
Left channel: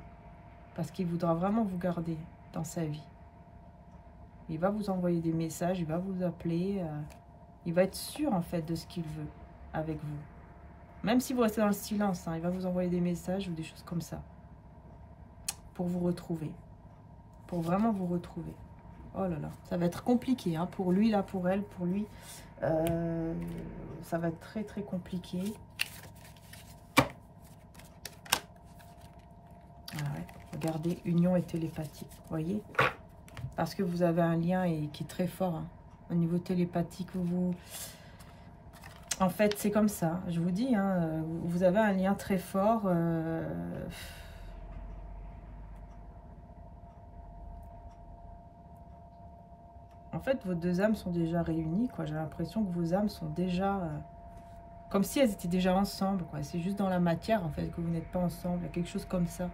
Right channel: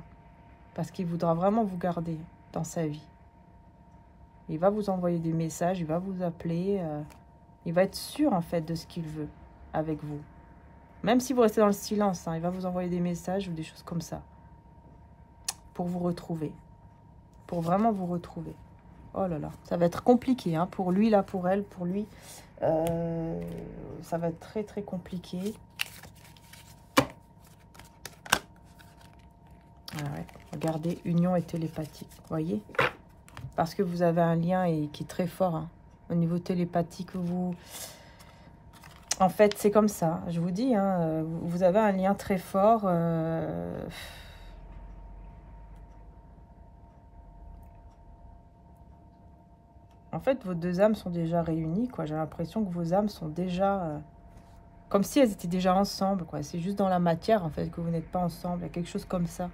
Parce qu'il voudra vraiment vous garder dans sa vie. Il va vous envoyer des messages, il va vous appeler. Il va être sûr en fait de ce qu'il veut avec vous. Même si vous restez dans le silence, hein, il va vous envoyer des messages ou des choses comme ça. Pour vous retrouver. Pour vraiment vous retrouver. Oh là là, ça va être compliqué hein, pour lui, là, pour elle, pour lui. Ça va être très très compliqué. Ah ouais. Regardez, union et télépathie, voyez. Parce que vous avez un lien qui est très fort hein, au niveau télépathique. En fait, c'est comme ça, je vous dis, hein, vous avez un lien très fort. En fait, vos deux âmes sont déjà réunies, quoi. J'ai l'impression que vos âmes sont déjà... comme si elles étaient déjà ensemble, quoi. C'est juste dans la matière, en fait, que vous n'êtes pas ensemble. Il y a quelque chose comme ça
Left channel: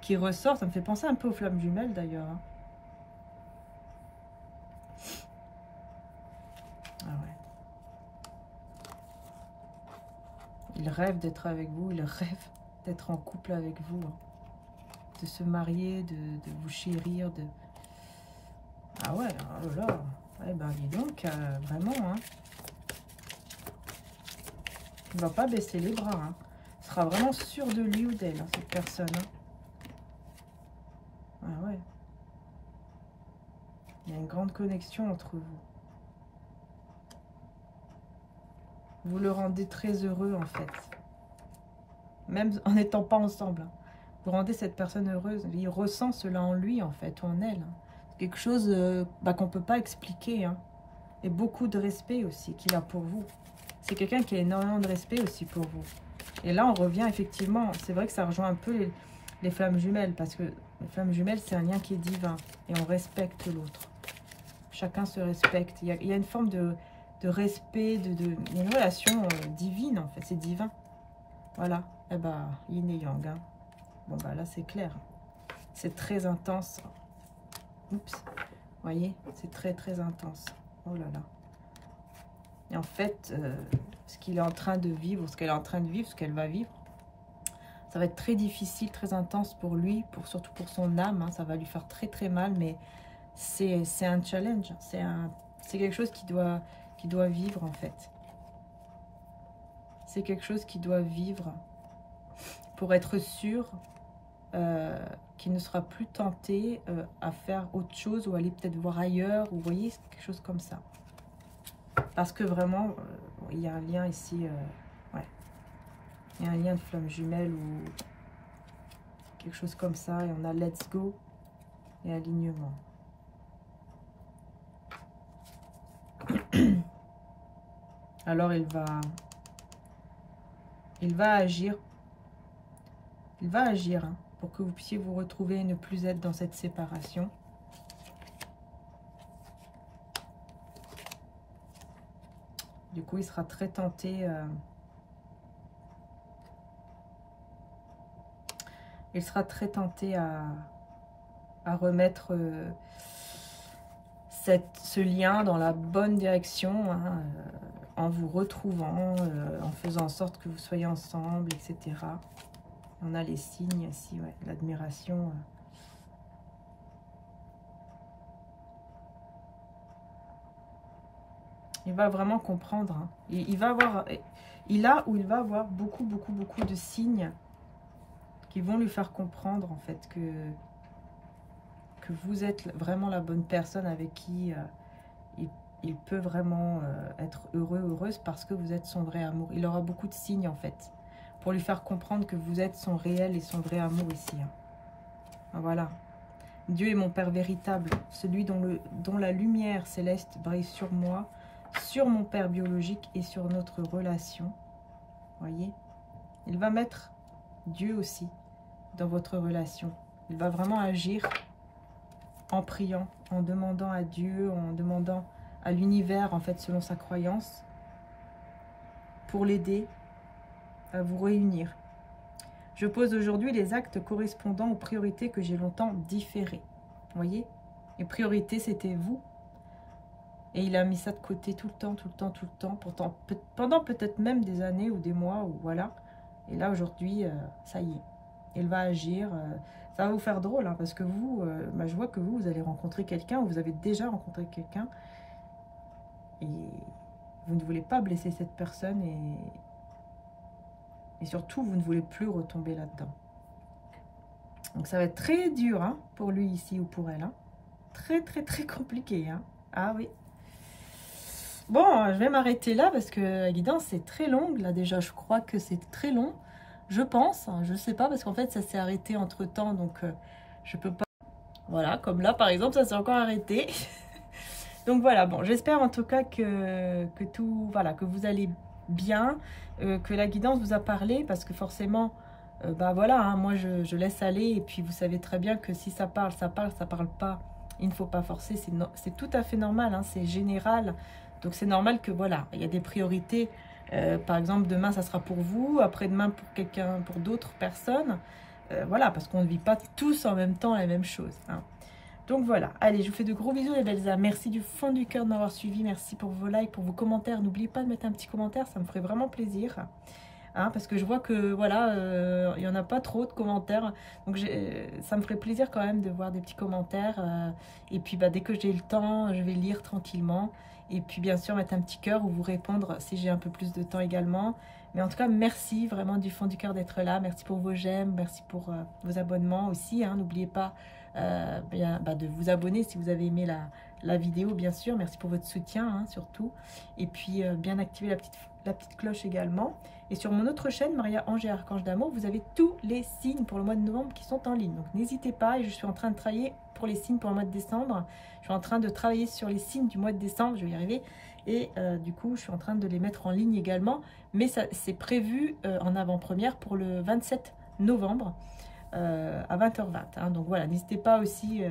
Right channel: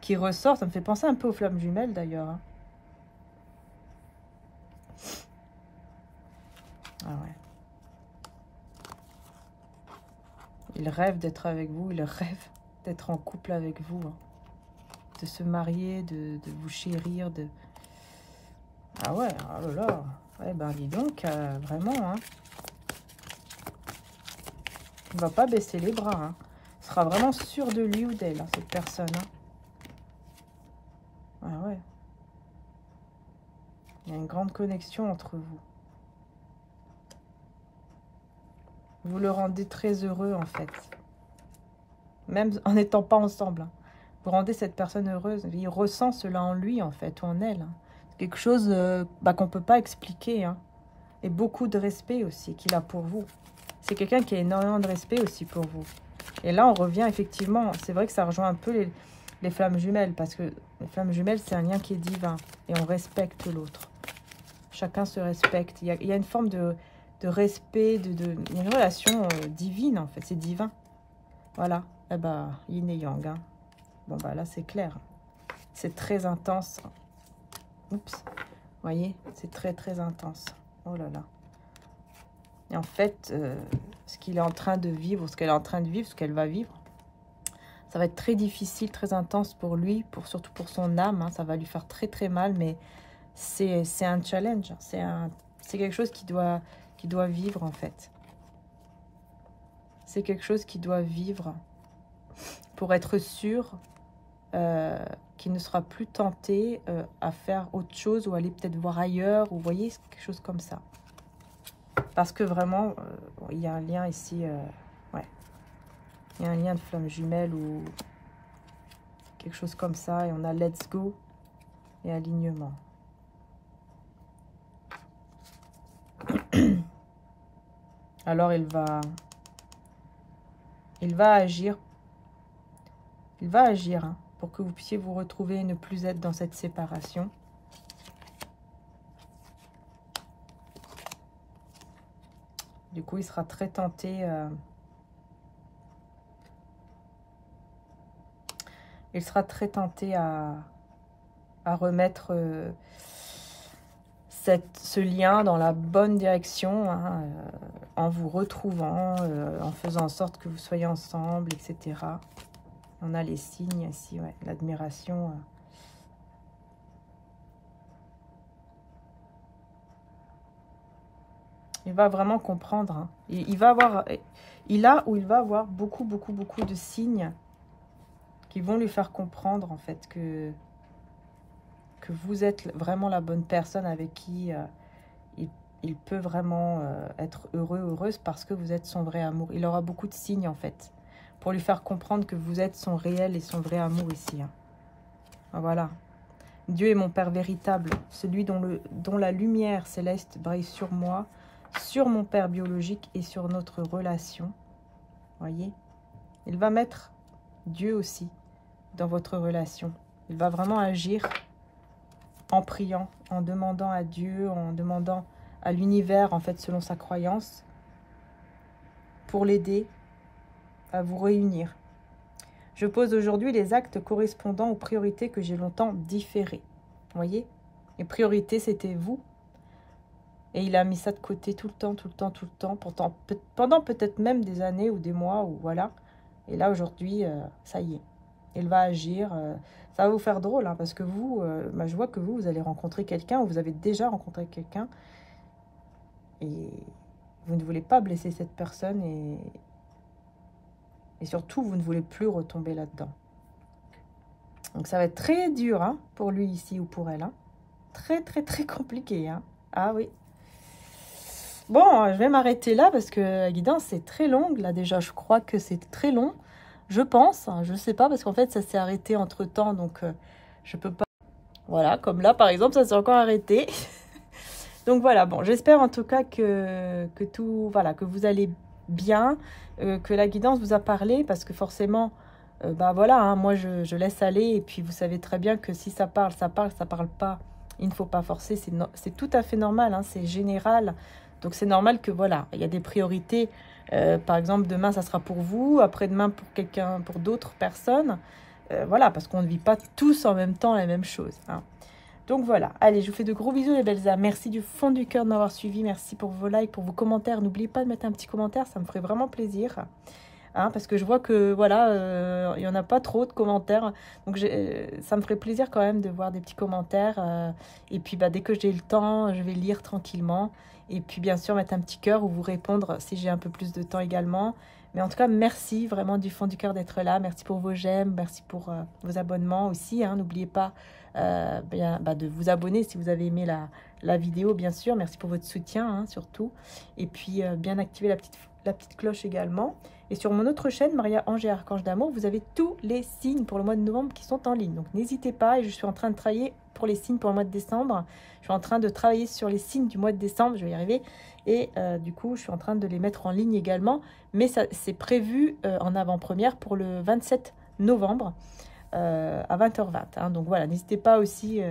qui ressort. Ça me fait penser un peu aux flammes jumelles, d'ailleurs. Hein. Ah ouais. Il rêve d'être avec vous. Il rêve d'être en couple avec vous. Hein. De se marier, de vous chérir, de... Ah ouais, oh là là. Ouais, ben dis donc, vraiment, hein. Il ne va pas baisser les bras, hein. Il sera vraiment sûr de lui ou d'elle, hein, cette personne. Hein. Ah ouais. Il y a une grande connexion entre vous. Vous le rendez très heureux, en fait. même en n'étant pas ensemble. Hein. Vous rendez cette personne heureuse. Il ressent cela en lui, en fait, ou en elle. Hein. Quelque chose qu'on ne peut pas expliquer. Hein. Et beaucoup de respect aussi qu'il a pour vous. C'est quelqu'un qui a énormément de respect aussi pour vous. Et là, on revient effectivement, c'est vrai que ça rejoint un peu les flammes jumelles, parce que les flammes jumelles, c'est un lien qui est divin, et on respecte l'autre. Chacun se respecte. Il y a une forme de respect, il y a une relation divine, en fait, c'est divin. Voilà, eh ben, yin et yang. Hein. Bon, bah là, c'est clair. C'est très intense. Oups, vous voyez, c'est très, très intense. Oh là là. Et en fait, ce qu'il est en train de vivre, ce qu'elle est en train de vivre, ce qu'elle va vivre, ça va être très difficile, très intense pour lui, surtout pour son âme. Hein, ça va lui faire très très mal, mais c'est un challenge. C'est quelque chose qui doit vivre en fait. C'est quelque chose qui doit vivre pour être sûr qu'il ne sera plus tenté à faire autre chose ou aller peut-être voir ailleurs. Vous voyez, c'est quelque chose comme ça. Parce que vraiment, il y a un lien ici, ouais. Il y a un lien de flamme jumelle ou quelque chose comme ça. Et on a let's go et alignement. Alors il va agir. Il va agir hein, pour que vous puissiez vous retrouver et ne plus être dans cette séparation. Du coup, il sera très tenté. Il sera très tenté à remettre ce lien dans la bonne direction, hein, en vous retrouvant, en faisant en sorte que vous soyez ensemble, etc. On a les signes ici, ouais, l'admiration. Il va vraiment comprendre. Hein. Il va avoir beaucoup de signes qui vont lui faire comprendre, en fait, que vous êtes vraiment la bonne personne avec qui il peut vraiment être heureux, heureuse, parce que vous êtes son vrai amour. Il aura beaucoup de signes, en fait, pour lui faire comprendre que vous êtes son réel et son vrai amour ici. Hein. Voilà. Dieu est mon Père véritable, celui dont la lumière céleste brille sur moi, sur mon père biologique et sur notre relation. Voyez, il va mettre Dieu aussi dans votre relation. Il va vraiment agir en priant, en demandant à Dieu, en demandant à l'univers, en fait, selon sa croyance, pour l'aider à vous réunir. Je pose aujourd'hui les actes correspondant aux priorités que j'ai longtemps différées. Voyez, les priorités, c'était vous. Et il a mis ça de côté tout le temps, pendant peut-être même des années ou des mois, ou voilà. Et là, aujourd'hui, ça y est, il va agir. Ça va vous faire drôle, hein, parce que vous, je vois que vous allez rencontrer quelqu'un, ou vous avez déjà rencontré quelqu'un, et vous ne voulez pas blesser cette personne, et surtout, vous ne voulez plus retomber là-dedans. Donc, ça va être très dur hein, pour lui ici, ou pour elle. Hein. Très compliqué. Hein. Ah oui. Bon, je vais m'arrêter là parce que la guidance c'est très longue. Là déjà, je crois que c'est très long. Je pense, je ne sais pas parce qu'en fait ça s'est arrêté entre temps. Donc je peux pas... Voilà, comme là par exemple, ça s'est encore arrêté. Donc voilà, bon, j'espère en tout cas que tout... Voilà, que vous allez bien, que la guidance vous a parlé. Parce que forcément, voilà, hein, moi je laisse aller. Et puis vous savez très bien que si ça parle, ça parle pas. Il ne faut pas forcer, c'est tout à fait normal, hein, c'est général. Donc, c'est normal que, voilà, il y a des priorités. Par exemple, demain, ça sera pour vous. Après-demain, pour quelqu'un, pour d'autres personnes. Voilà, parce qu'on ne vit pas tous en même temps la même chose. Hein. Donc, voilà. Allez, je vous fais de gros bisous, les belles âmes. Merci du fond du cœur de m'avoir suivi. Merci pour vos likes, pour vos commentaires. N'oubliez pas de mettre un petit commentaire. Ça me ferait vraiment plaisir. Hein, parce que je vois que, voilà, il n'y en a pas trop de commentaires. Donc, ça me ferait plaisir quand même de voir des petits commentaires. Et puis, dès que j'ai le temps, je vais lire tranquillement. Et puis, bien sûr, mettre un petit cœur ou vous répondre si j'ai un peu plus de temps également. Mais en tout cas, merci vraiment du fond du cœur d'être là. Merci pour vos j'aime. Merci pour vos abonnements aussi. Hein. N'oubliez pas de vous abonner si vous avez aimé la vidéo, bien sûr. Merci pour votre soutien, hein, surtout. Et puis, bien activer la petite la petite cloche également. Et sur mon autre chaîne, Maria Ange et Archange d'Amour, vous avez tous les signes pour le mois de novembre qui sont en ligne. Donc n'hésitez pas, et je suis en train de travailler pour les signes pour le mois de décembre. Je suis en train de travailler sur les signes du mois de décembre, je vais y arriver. Et du coup, je suis en train de les mettre en ligne également. Mais c'est prévu en avant-première pour le 27 novembre à 20h20. Hein. Donc voilà, n'hésitez pas aussi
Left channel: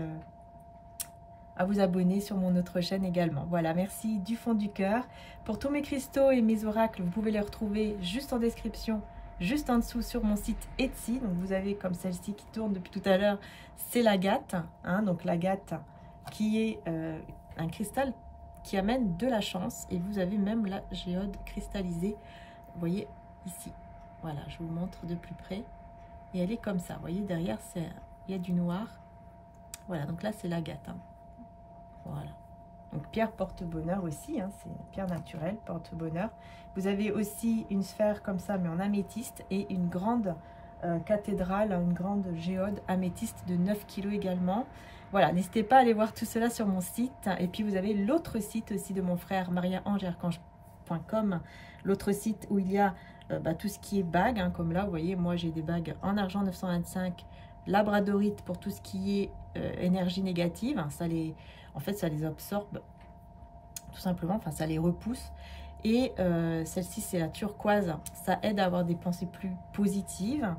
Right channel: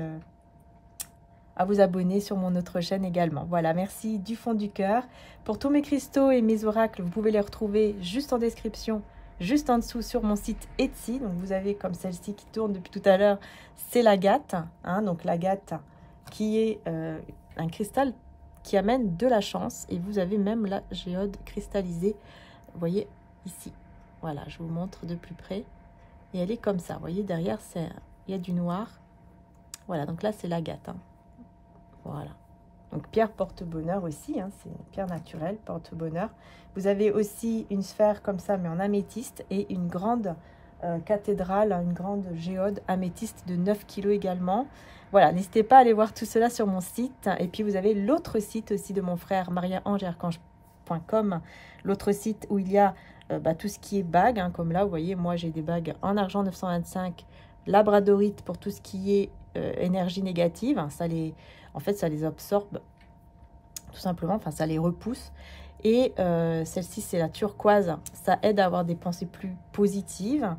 à vous abonner sur mon autre chaîne également. Voilà, merci du fond du cœur. Pour tous mes cristaux et mes oracles, vous pouvez les retrouver juste en description, juste en dessous sur mon site Etsy. Donc vous avez comme celle-ci qui tourne depuis tout à l'heure, c'est l'agate. Hein, donc l'agate qui est un cristal qui amène de la chance. Et vous avez même la géode cristallisée, vous voyez ici. Voilà, je vous montre de plus près. Et elle est comme ça, vous voyez, derrière, il y a du noir. Voilà, donc là, c'est l'agate. Hein. Voilà. Donc, pierre porte-bonheur aussi, hein, c'est une pierre naturelle, porte-bonheur. Vous avez aussi une sphère comme ça, mais en améthyste, et une grande cathédrale, une grande géode améthyste de 9 kg également. Voilà, n'hésitez pas à aller voir tout cela sur mon site. Et puis, vous avez l'autre site aussi de mon frère, mariaangearchange.com, l'autre site où il y a tout ce qui est bagues, hein, comme là, vous voyez, moi, j'ai des bagues en argent 925, labradorite pour tout ce qui est énergie négative. Hein, en fait, ça les absorbe, tout simplement, enfin, ça les repousse. Et celle-ci, c'est la turquoise. Ça aide à avoir des pensées plus positives.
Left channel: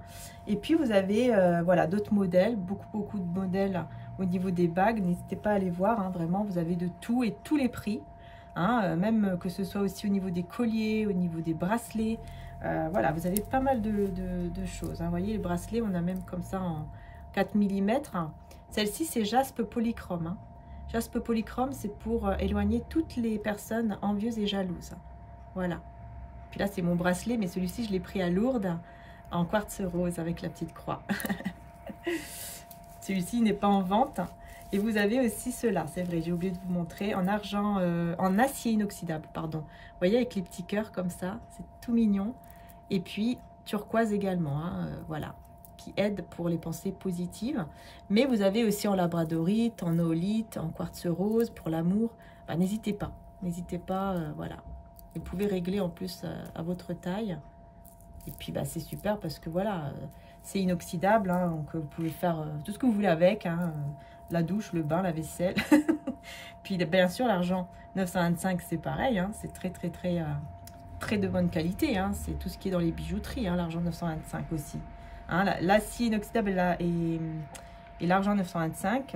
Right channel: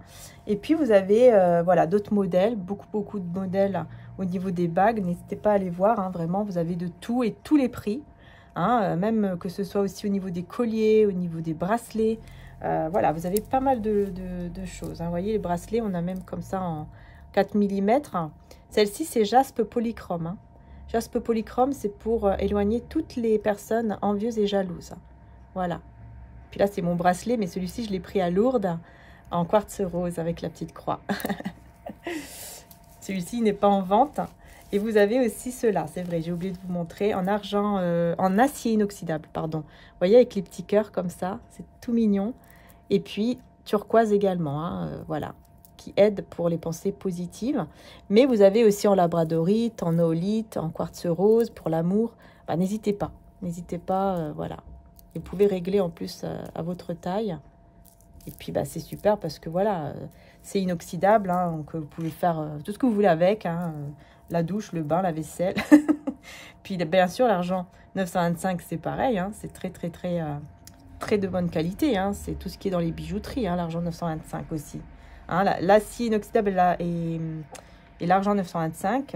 Et puis, vous avez voilà, d'autres modèles, beaucoup de modèles au niveau des bagues. N'hésitez pas à aller voir. Hein, vraiment, vous avez de tout et tous les prix. Hein, même que ce soit aussi au niveau des colliers, au niveau des bracelets. Voilà, vous avez pas mal de choses. Hein. Vous voyez, les bracelets, on a même comme ça en 4 mm. Celle-ci, c'est jaspe polychrome. Hein. Jaspe polychrome, c'est pour éloigner toutes les personnes envieuses et jalouses. Voilà. Puis là, c'est mon bracelet, mais celui-ci, je l'ai pris à Lourdes en quartz rose avec la petite croix. Celui-ci n'est pas en vente. Et vous avez aussi cela, c'est vrai, j'ai oublié de vous montrer, en argent, en acier inoxydable, pardon. Vous voyez, avec les petits cœurs comme ça, c'est tout mignon. Et puis, turquoise également, hein, voilà, qui aide pour les pensées positives. Mais vous avez aussi en labradorite, en oolite, en quartz rose, pour l'amour. Bah, n'hésitez pas, voilà. Vous pouvez régler en plus à votre taille. Et puis, bah, c'est super parce que, voilà, c'est inoxydable, hein, donc vous pouvez faire tout ce que vous voulez avec, hein, la douche, le bain, la vaisselle. Puis, bien sûr, l'argent 925, c'est pareil, hein, c'est très de bonne qualité, hein, c'est tout ce qui est dans les bijouteries, hein, l'argent 925 aussi. Hein, l'acier inoxydable et l'argent 925,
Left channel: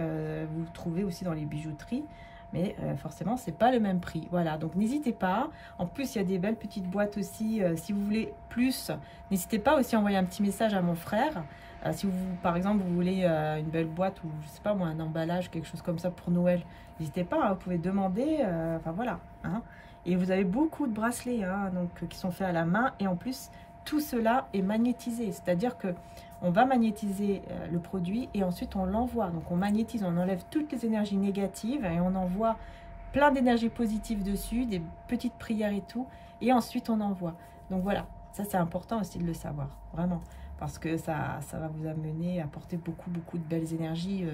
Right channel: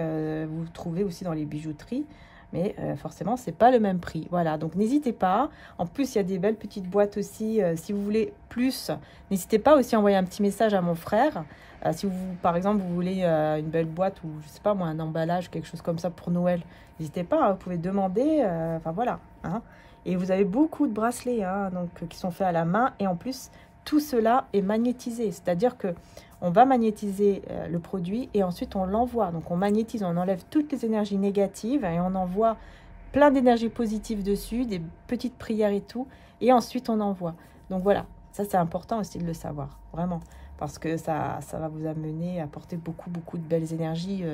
vous trouvez aussi dans les bijouteries, mais forcément, c'est pas le même prix. Voilà, donc n'hésitez pas. En plus, il y a des belles petites boîtes aussi. Si vous voulez plus, n'hésitez pas aussi à envoyer un petit message à mon frère. Si vous, par exemple, vous voulez une belle boîte ou, je sais pas moi, un emballage, quelque chose comme ça pour Noël, n'hésitez pas, hein, vous pouvez demander. Enfin, voilà. Hein. Et vous avez beaucoup de bracelets, hein, donc, qui sont faits à la main. Et en plus, tout cela est magnétisé. C'est-à-dire que on va magnétiser le produit et ensuite on l'envoie. Donc on magnétise, on enlève toutes les énergies négatives et on envoie plein d'énergie positive dessus, des petites prières et tout. Et ensuite on envoie. Donc voilà, ça c'est important aussi de le savoir, vraiment. Parce que ça va vous amener à apporter beaucoup de belles énergies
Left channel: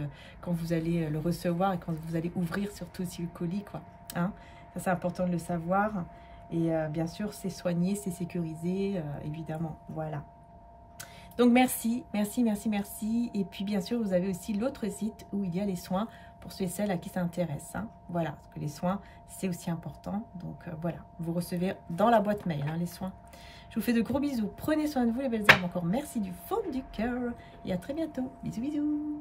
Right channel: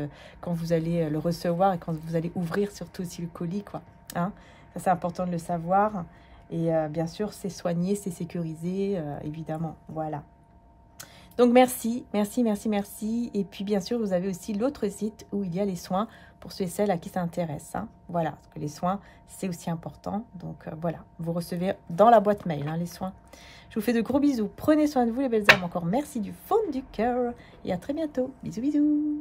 quand vous allez le recevoir et quand vous allez ouvrir surtout aussi le colis, quoi. Hein, ça c'est important de le savoir. Et bien sûr, c'est soigné, c'est sécurisé, évidemment. Voilà. Donc, merci. Et puis, bien sûr, vous avez aussi l'autre site où il y a les soins pour ceux et celles à qui ça intéresse. Hein. Voilà, parce que les soins, c'est aussi important. Donc, voilà, vous recevez dans la boîte mail, hein, les soins. Je vous fais de gros bisous. Prenez soin de vous, les belles âmes. Encore merci du fond du cœur. Et à très bientôt. Bisous, bisous.